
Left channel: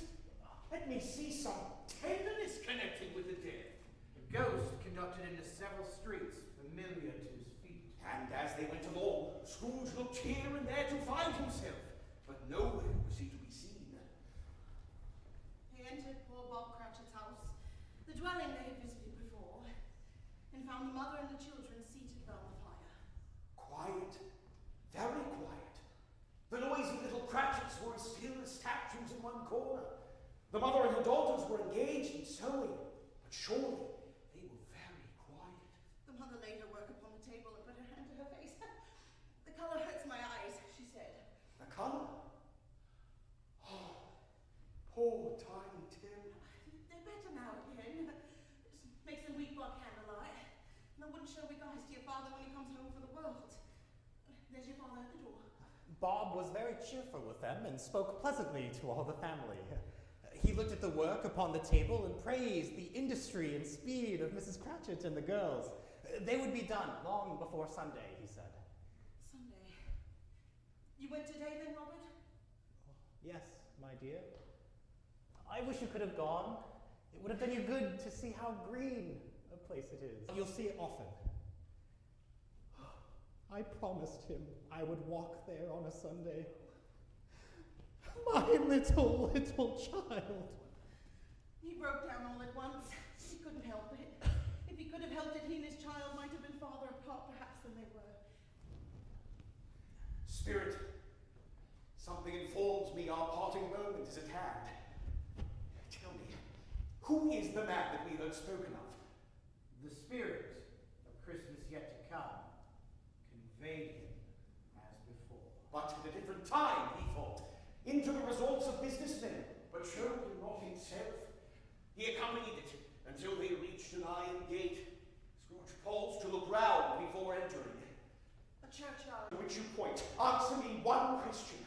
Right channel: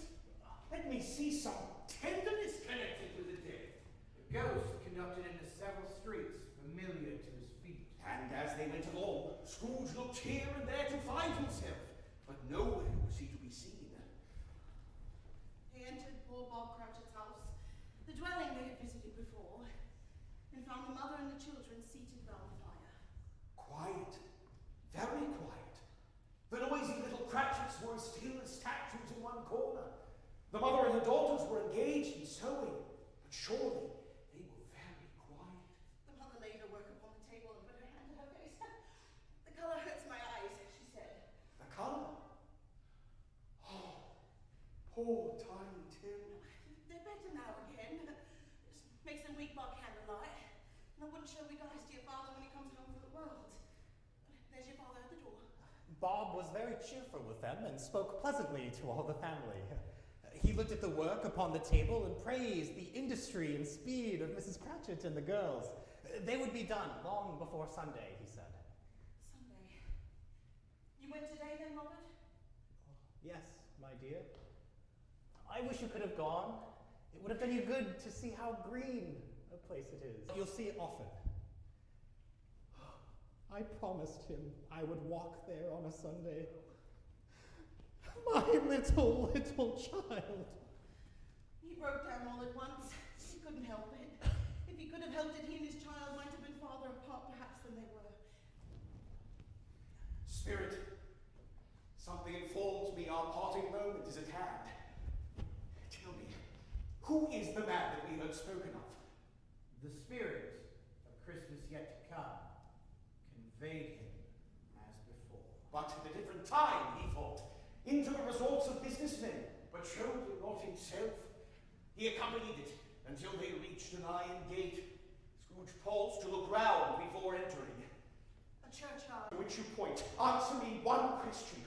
let me see some tenderness connected with the dead. The ghost conducted him to several streets familiar to his feet. And as they went along, Scrooge looked here and there to find himself, but nowhere was he to be seen. He entered poor Bob Cratchit's house, the dwelling they had visited before, and found the mother and the children seated round the fire. Quiet, very quiet. The noisy little Cratchits were as still as statues in one corner. The mother and her daughters were engaged in sewing, but surely they were very quiet. The mother laid her work upon the table and put her hand to her face. The colour hurts my eyes, she said. The colour? Oh, poor Tiny Tim. They're better now again. Just makes them weep by candlelight. And I wouldn't show we guys to your father when he comes home for the world. There's your father at the door. Bob was very cheerful with them and spoke pleasantly to all the family. He looked at the work upon the table and praised the industry and speed of Mrs. Cratchit and the girls. They would be done long before Sunday, he said. Sunday. You went today then, Robert? Yes, my dear. I wish you could have gone. It would have done you good to see how green a place it is. You'll see it often. I promised him I would walk there on a Sunday. My little child. He broke down all at once. He couldn't help it. If he could have helped it, he and his child might have been farther apart perhaps than they were. Spirit, something informs me our parting moment is at hand. Tell me, who is the man that we heard spoken of? The spirit of Christmas yet to come conveyed him as before. But at a different time, he thought, into the resorts of businessmen, but showed him not himself. He accompanied it until they reached an iron gate. Scrooge paused to look round before entering. A churchyard. To which you point, answer me one question.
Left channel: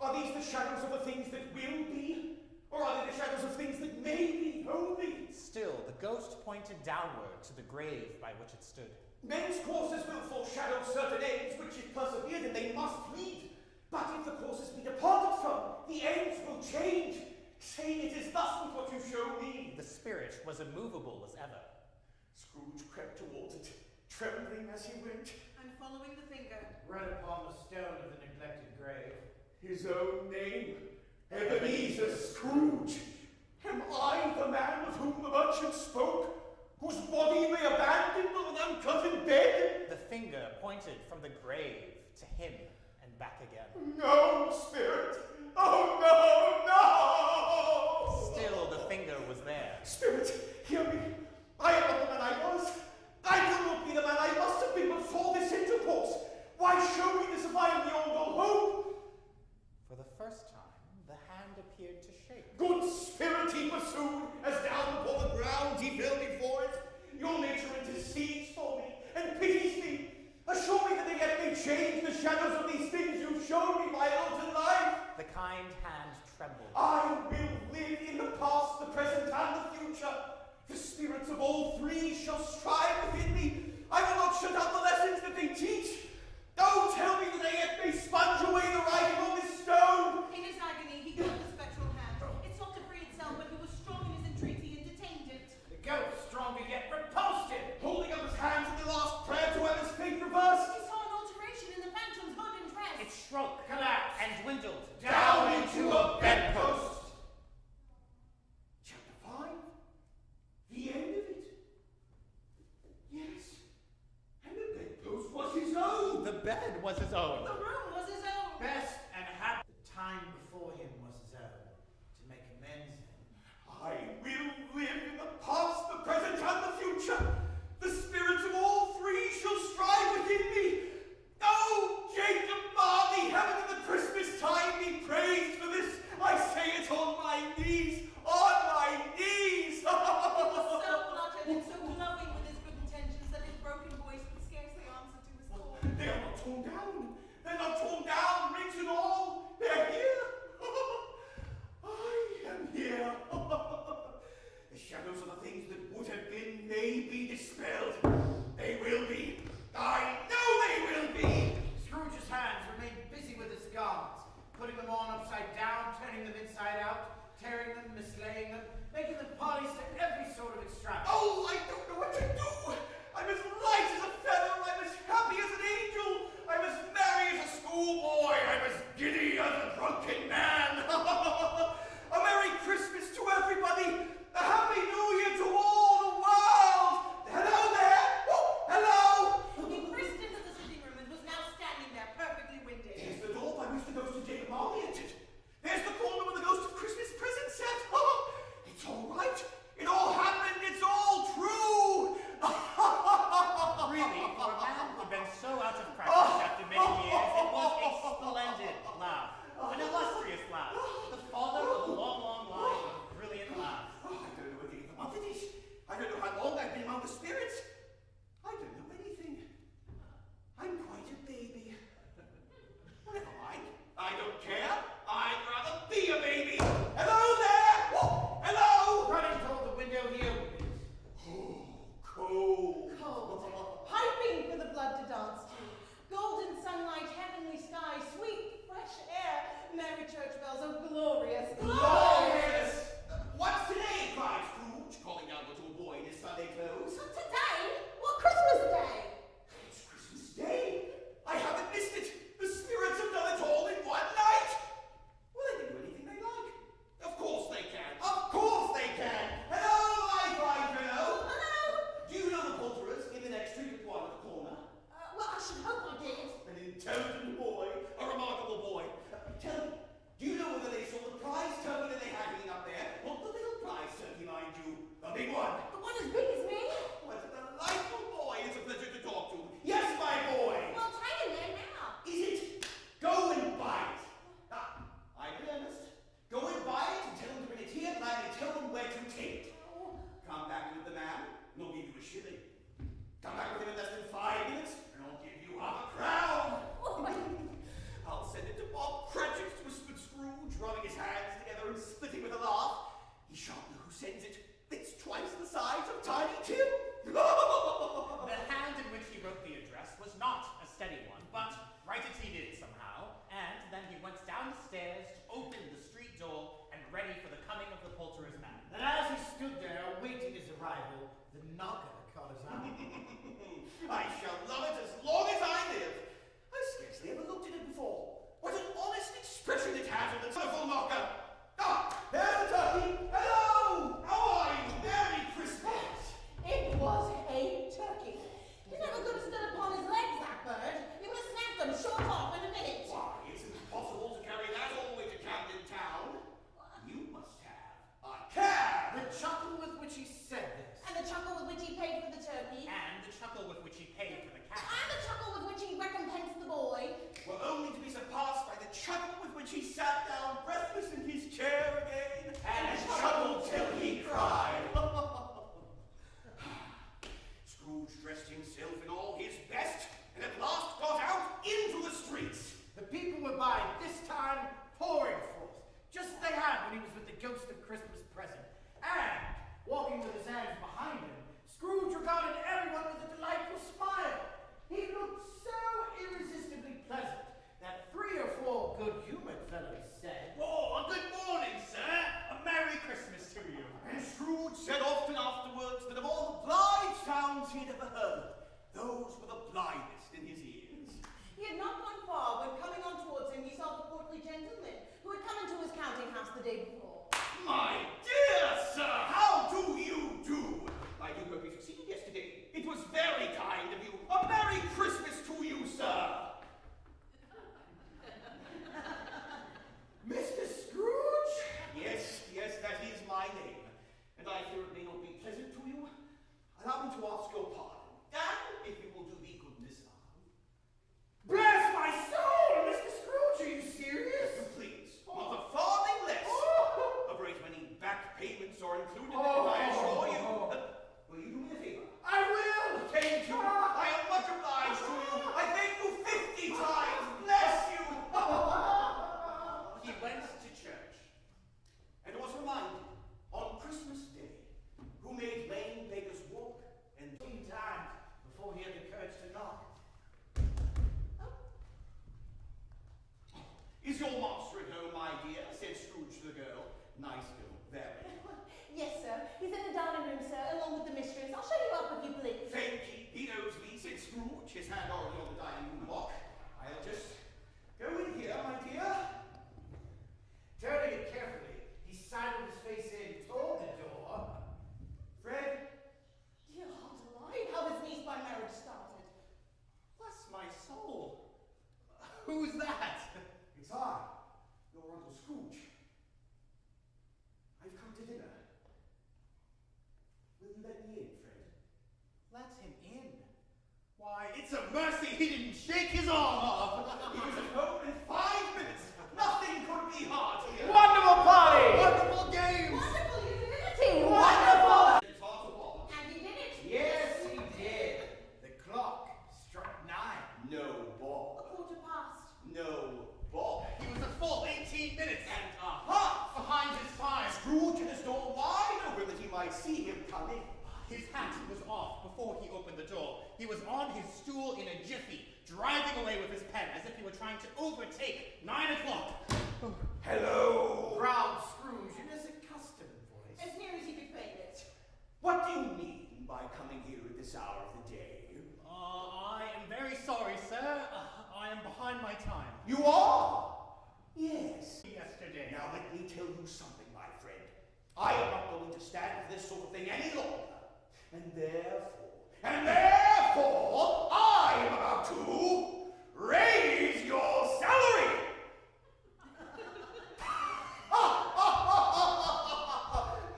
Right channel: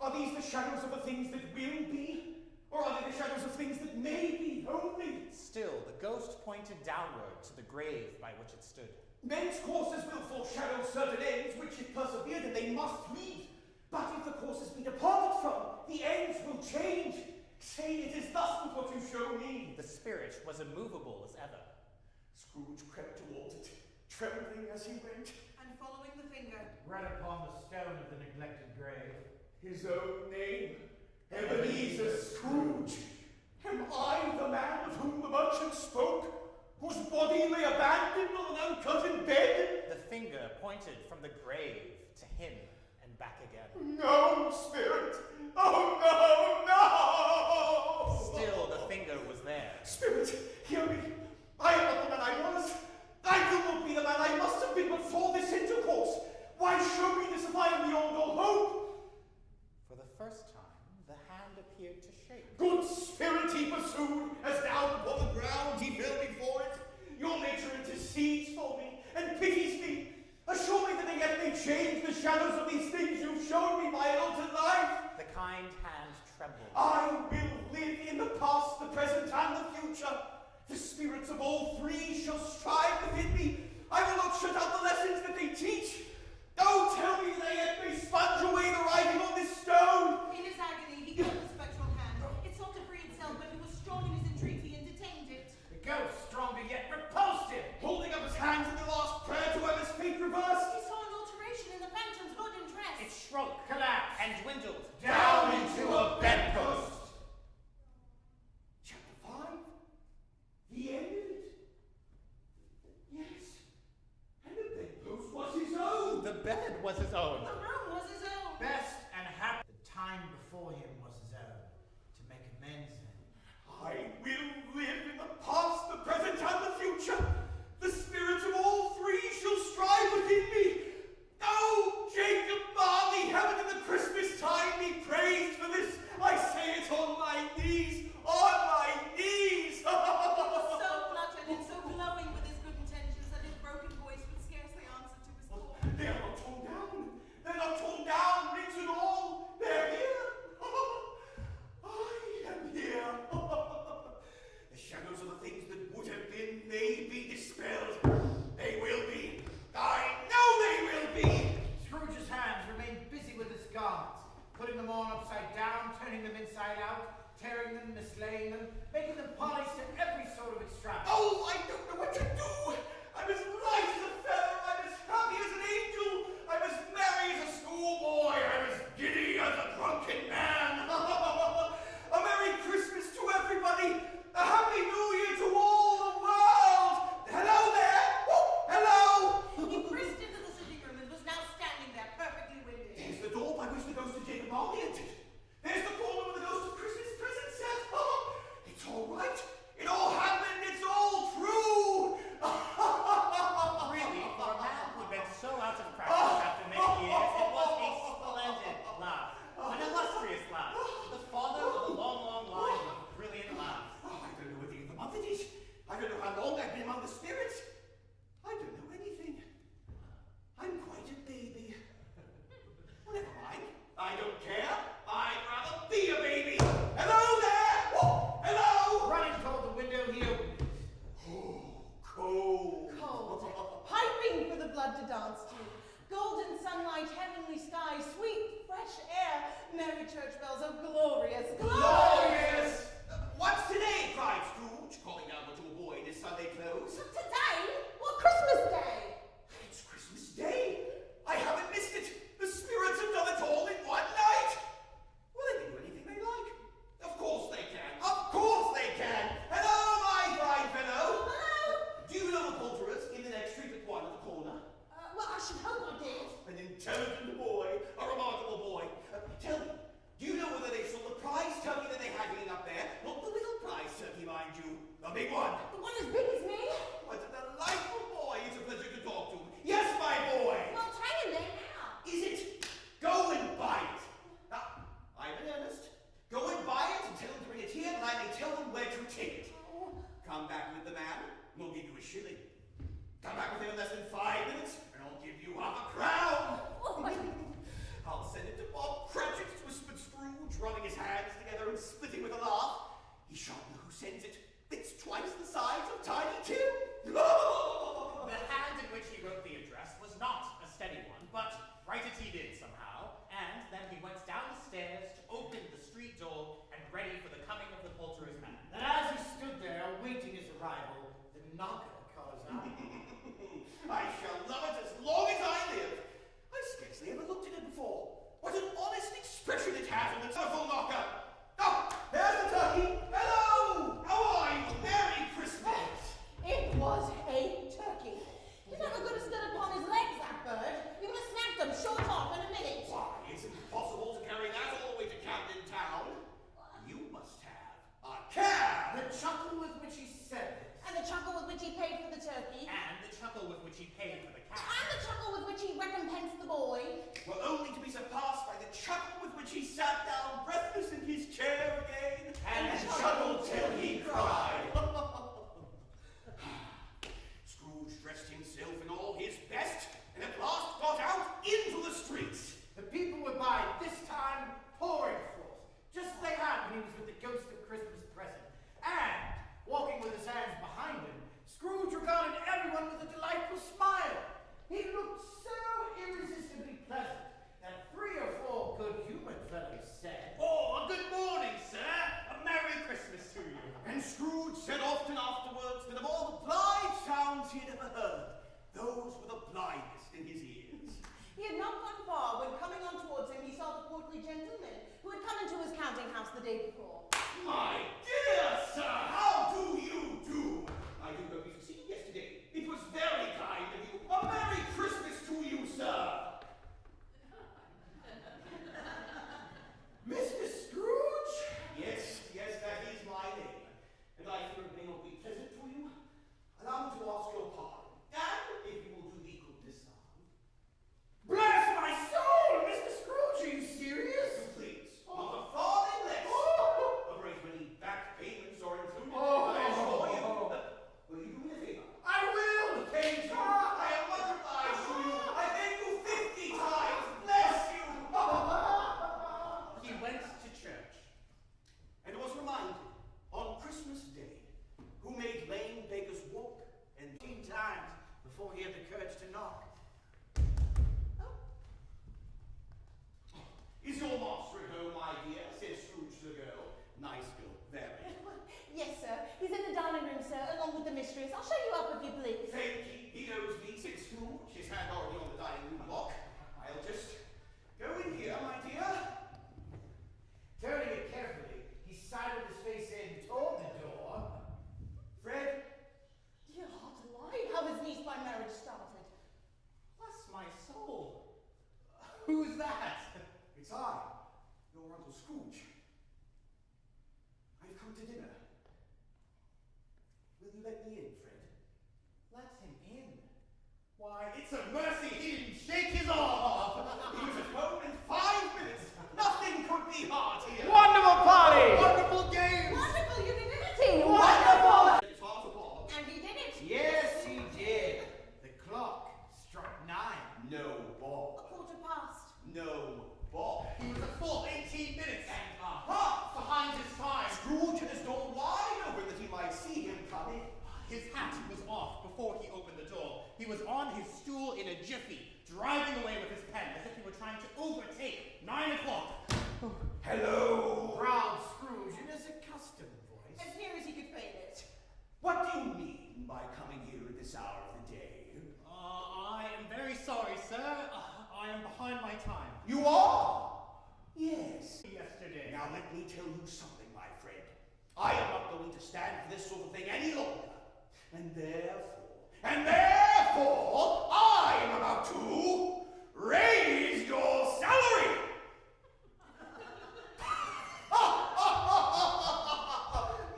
Are these the shadows of the things that will be? Or are they the shadows of things that may be only? Still, the ghost pointed downward to the grave by which it stood. Men's courses will foreshadow certain ends, which if persevered in they must lead. But if the courses be departed from, the ends will change. Say it is thus with what you show me. The spirit was immovable as ever. Scrooge crept towards it, trembling as he went. And following the finger. Right upon the stone of the neglected grave. His own name, Ebenezer Scrooge. Am I the man of whom the merchant spoke, whose body lay abandoned on an uncurtained bed? The finger pointed from the grave to him and back again. No, Spirit! Oh, no, no! Still, the finger was there. Spirit, hear me. I am not the man I was. I will not be the man I must have been before this intercourse. Why show me this if I am beyond all hope? For the first time, the hand appeared to shake. Good Spirit, he pursued, as down upon the ground he fell before it. Your nature intercedes for me and pities me. Assure me that they yet may change the shadows of these things you've shown me by an altered life. The kind hand trembled. I will live in the past, the present, and the future. The spirits of all three shall strive within me. I will not shut out the lessons that they teach. Don't tell me that they yet may sponge away the writing on this stone. In his agony, he caught the spectral hand. It sought to free itself, but he was strong in his entreaty and detained it. The ghost, stronger yet, repulsed him. Holding up his hands in the last prayer to have his fate reversed. He saw an alteration in the phantom's hood and dress. It shrunk, Collapsed. and dwindled Down into a bedpost. Chapter 5. The end of it. Yes. And the bedpost was his own. The bed was his own. The room was his own. Best and happy. The time before him was his own, to make amends in. I will live in the past, the present, and the future. The spirits of all three out of practice after many years. It was a splendid laugh. An illustrious laugh. The father of a long, long line of brilliant laughs. Oh, I don't know what day of the month it is. I don't know how long I've been among the spirits. I don't know anything. I'm quite a baby. Well, never mind. I don't care. I'd rather be a baby. Hello there! Whoa, hello! Running toward the window here. Oh, cold. Cold, piping for the blood to dance to. Golden sunlight, heavenly sky, sweet, fresh air. Merry church bells, oh glorious, Glorious! What's today? Cried Scrooge, calling down to a boy in his Sunday clothes. Today? What, Christmas Day? It's Christmas Day. I haven't missed it. The spirits have done it all in one night. Well, they can do anything they like. Of course they can. Of course they can. Hello, my fine fellow. Hello? Do you know the poulterers in the next street at one at the corner? Well, I should hope I did. An intelligent boy, a remarkable boy. Tell me, do you know whether they saw the prize turkey that they had hanging up there? Not the little prize turkey, mind you. The big one. The one as big as me? What a delightful boy. It's a pleasure to talk to. Yes, my boy. Well, it's hanging there now. Is it? Go and buy it. Now, I'm in earnest. Go and buy it and tell them to bring it here, that I may tell them where to take it. Oh. Come back with the man, and I'll give you a shilling. Come back with him in less than 5 minutes, and I'll give you half a crown. I'll send it to Bob Cratchit, whispered Scrooge, rubbing his hands together and splitting with a laugh. He shan't know who sends it. It's twice the size of Tiny Tim. The hand in which he wrote the address was not a steady one, but write it he did somehow, and then he went down the stairs to open the street door and ready for the coming of the poulterer's man. And as he stood there awaiting his arrival, the knocker caught his eye. I shall love it as long as I live. I scarcely ever looked at it before. What an honest expression it has in the telephone knocker. Oh, there's the turkey. Hello! How are you? Merry Christmas! It was a turkey. You never could have stood upon his legs, that bird. You would have snapped them short off in a minute. Why, it's impossible to carry that all the way to Camden Town. You must have a cab. The chuckle with which he said this. And the chuckle with which he paid for the turkey. And the chuckle with which he paid for the cat. And the chuckle with which he recompensed the boy. Were only to be surpassed by the chuckle with which he sat down breathless in his chair again and chuckled till he cried. Scrooge dressed himself in all his best and at last got out into the streets. The people were by this time pouring forth, just as they had when he was with the ghost of Christmas present. And, walking with his hands behind him, Scrooge regarded everyone with a delightful smile. He looked so irresistibly pleasant that 3 or 4 good-humored fellows said, Oh, a good morning, sir. A Merry Christmas to you. And Scrooge said often afterwards that of all the blithe sounds he'd ever heard, those were the blithest in his ears. He had not gone far when, coming on towards him, he saw the portly gentleman who had come into his counting house the day before. My dear sir, how do you do? I do hope you succeeded yesterday. It was very kind of you. A Merry Christmas to you, sir. Mr. Scrooge? Yes, that is my name. And I fear it may not be pleasant to you. Allow me to ask your pardon. And if you will do me goodness now. Bless my soul, Mr. Scrooge, are you serious? So please, not a farthing less. A great many back payments are included, I assure you. Will you do me a favor? I will! Thank you. I am much obliged to you. I thank you 50 times. Bless you. He went to church. And was reminded on Christmas Day, who made lame beggars walk and 15 times before he had the courage to knock. Is your master at home, my dear? Said Scrooge to the girl. Nice girl, very. Yes, sir. He's in the dining room, sir, along with the mistress. I'll show you up if you please. Thank you. He knows me, said Scrooge, his hand already on the dining room lock. I'll just go in here, my dear. Turning it carefully, he sidled his face in toward the door. Fred, Dear heart alive, how his niece by marriage started. bless my soul. Who's that? It's I, your Uncle Scrooge. I've come to dinner. Will you let me in, Fred? Let him in. Why, it's a mercy he didn't was on his stool in a jiffy, driving away with his pen as if he were trying to overtake 9 o'clock. Hello? Growled Scrooge in his accustomed voice. As near as he could fade it. What do you mean by coming here at this hour of the day? I am very sorry, sir. I am behind my time. You are? Yes. Yesterday. Now let me tell you something, my friend. I am not going to stand for this sort of thing any longer. And therefore, I am about to raise your salary.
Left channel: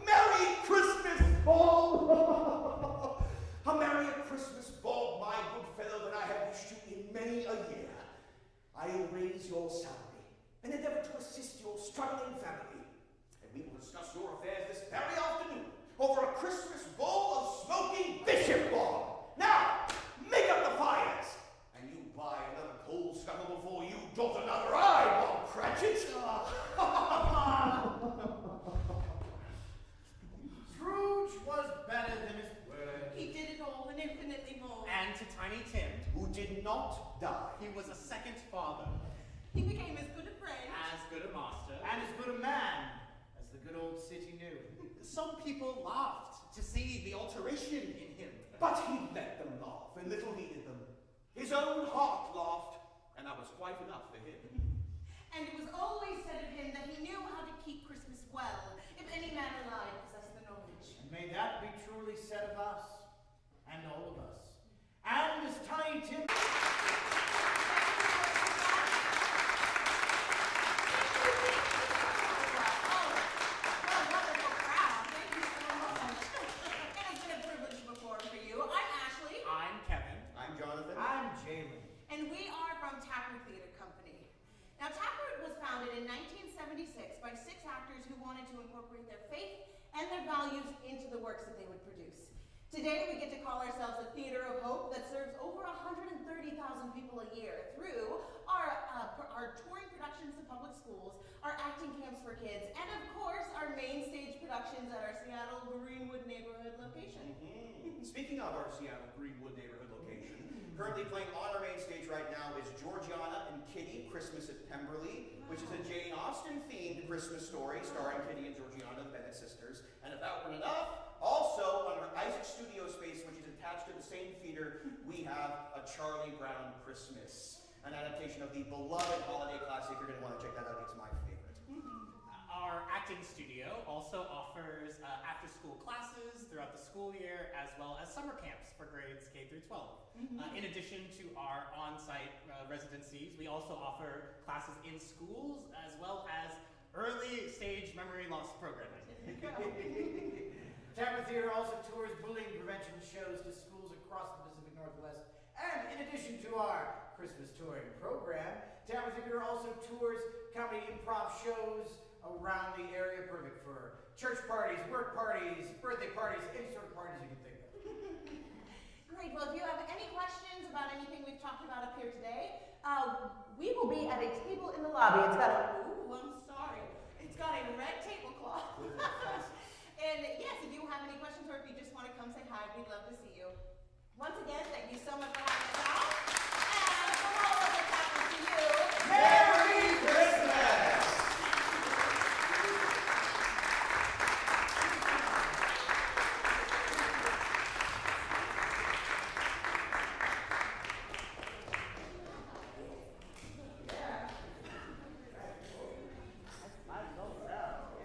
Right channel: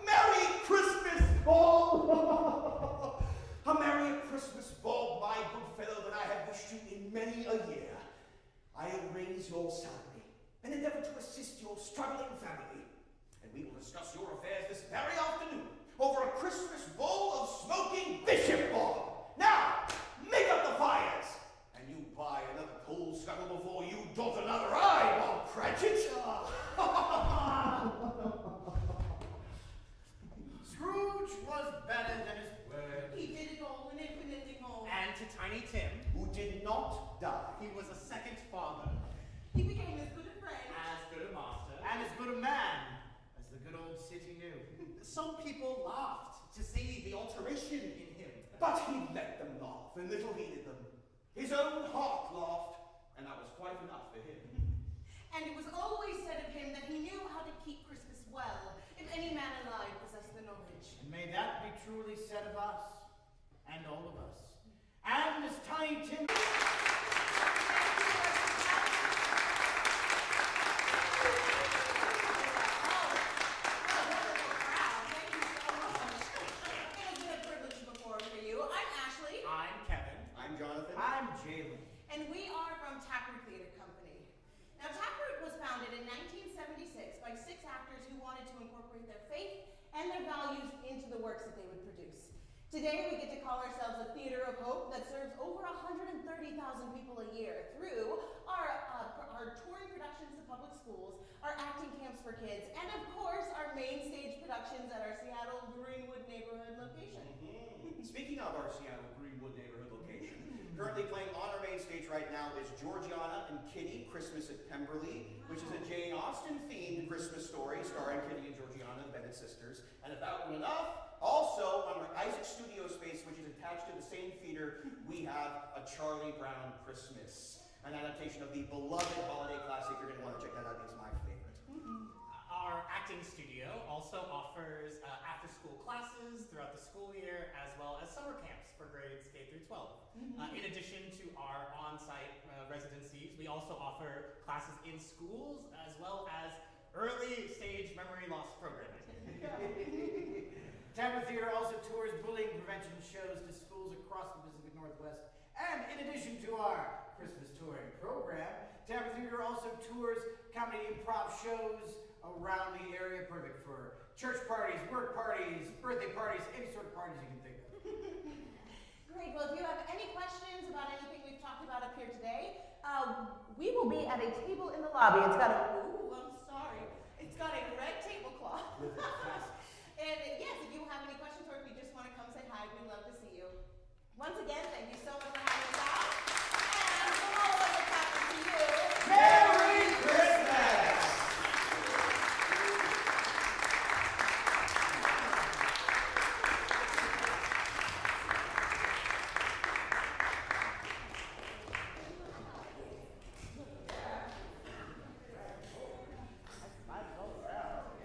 Merry Christmas, Bob! A merrier Christmas, Bob, my good fellow, than I have wished you in many a year. I'll raise your salary and endeavor to assist your struggling family. And we will discuss your affairs this very afternoon over a Christmas bowl of smoking bishop, Bob. Now, make up the fires. And you buy another coal scuttle before you dot another I, Bob Cratchit. Scrooge was better than his word. He did it all and infinitely more. And to Tiny Tim, Who did not die. he was a second father, He became as good a friend. as good a master. And as good a man as the good old city knew. Some people laughed to see the alteration in him. But he let them laugh, and little heeded them. His own heart laughed, and that was quite enough for him. And it was always said of him that he knew how to keep Christmas well, if any man alive possessed the knowledge. And may that be truly said of us, and all of us. And as Tiny Tim... I'm Kevin. I'm Jonathan. I'm Jalyn. And we are from Taproot Theater Company. Now, Taproot was founded in 1976 by 6 actors who wanted to incorporate their faith and their values into the works that they would produce. Today, we get to call ourselves a theater of hope that serves over 130,000 people a year through our touring productions to public schools, our acting camps for kids, and of course, our main stage productions at our Seattle Greenwood neighborhood location. Speaking of our Seattle Greenwood neighborhood location, currently playing on our main stage right now is Georgiana and Kitty, Christmas at Pemberley, which is a Jane Austen-themed Christmas story starring Kitty and Georgiana, the Bennett sisters. And if that weren't enough, also on our Isaac Studio space, which is attached to the same theater, we have A Charlie Brown Christmas, an adaptation of the beloved holiday classic. You're going to want to check that out. It's my favorite. Our acting studio also offers after-school classes throughout the school year, as well as summer camps for grades K through 12. In addition to our on-site residencies, we also offer classes in schools, as well as early-stage memory loss programming. Taproot Theater also tours bullying prevention shows to schools across the Pacific Northwest. And in addition to our Christmas touring program, Taproot Theater also tours comedy improv shows around the area, perfect for church parties, work parties, birthday parties, any sort of parties you can think of. Great. Well, if you have any questions about anything we've talked about up here today, we will be at a table in the lobby. It's got a, I'm sorry. It's got a red tablecloth. And yes, if you have any questions or if you just want to come say hi, we'd love to see you. Once again, thank you so much for having us.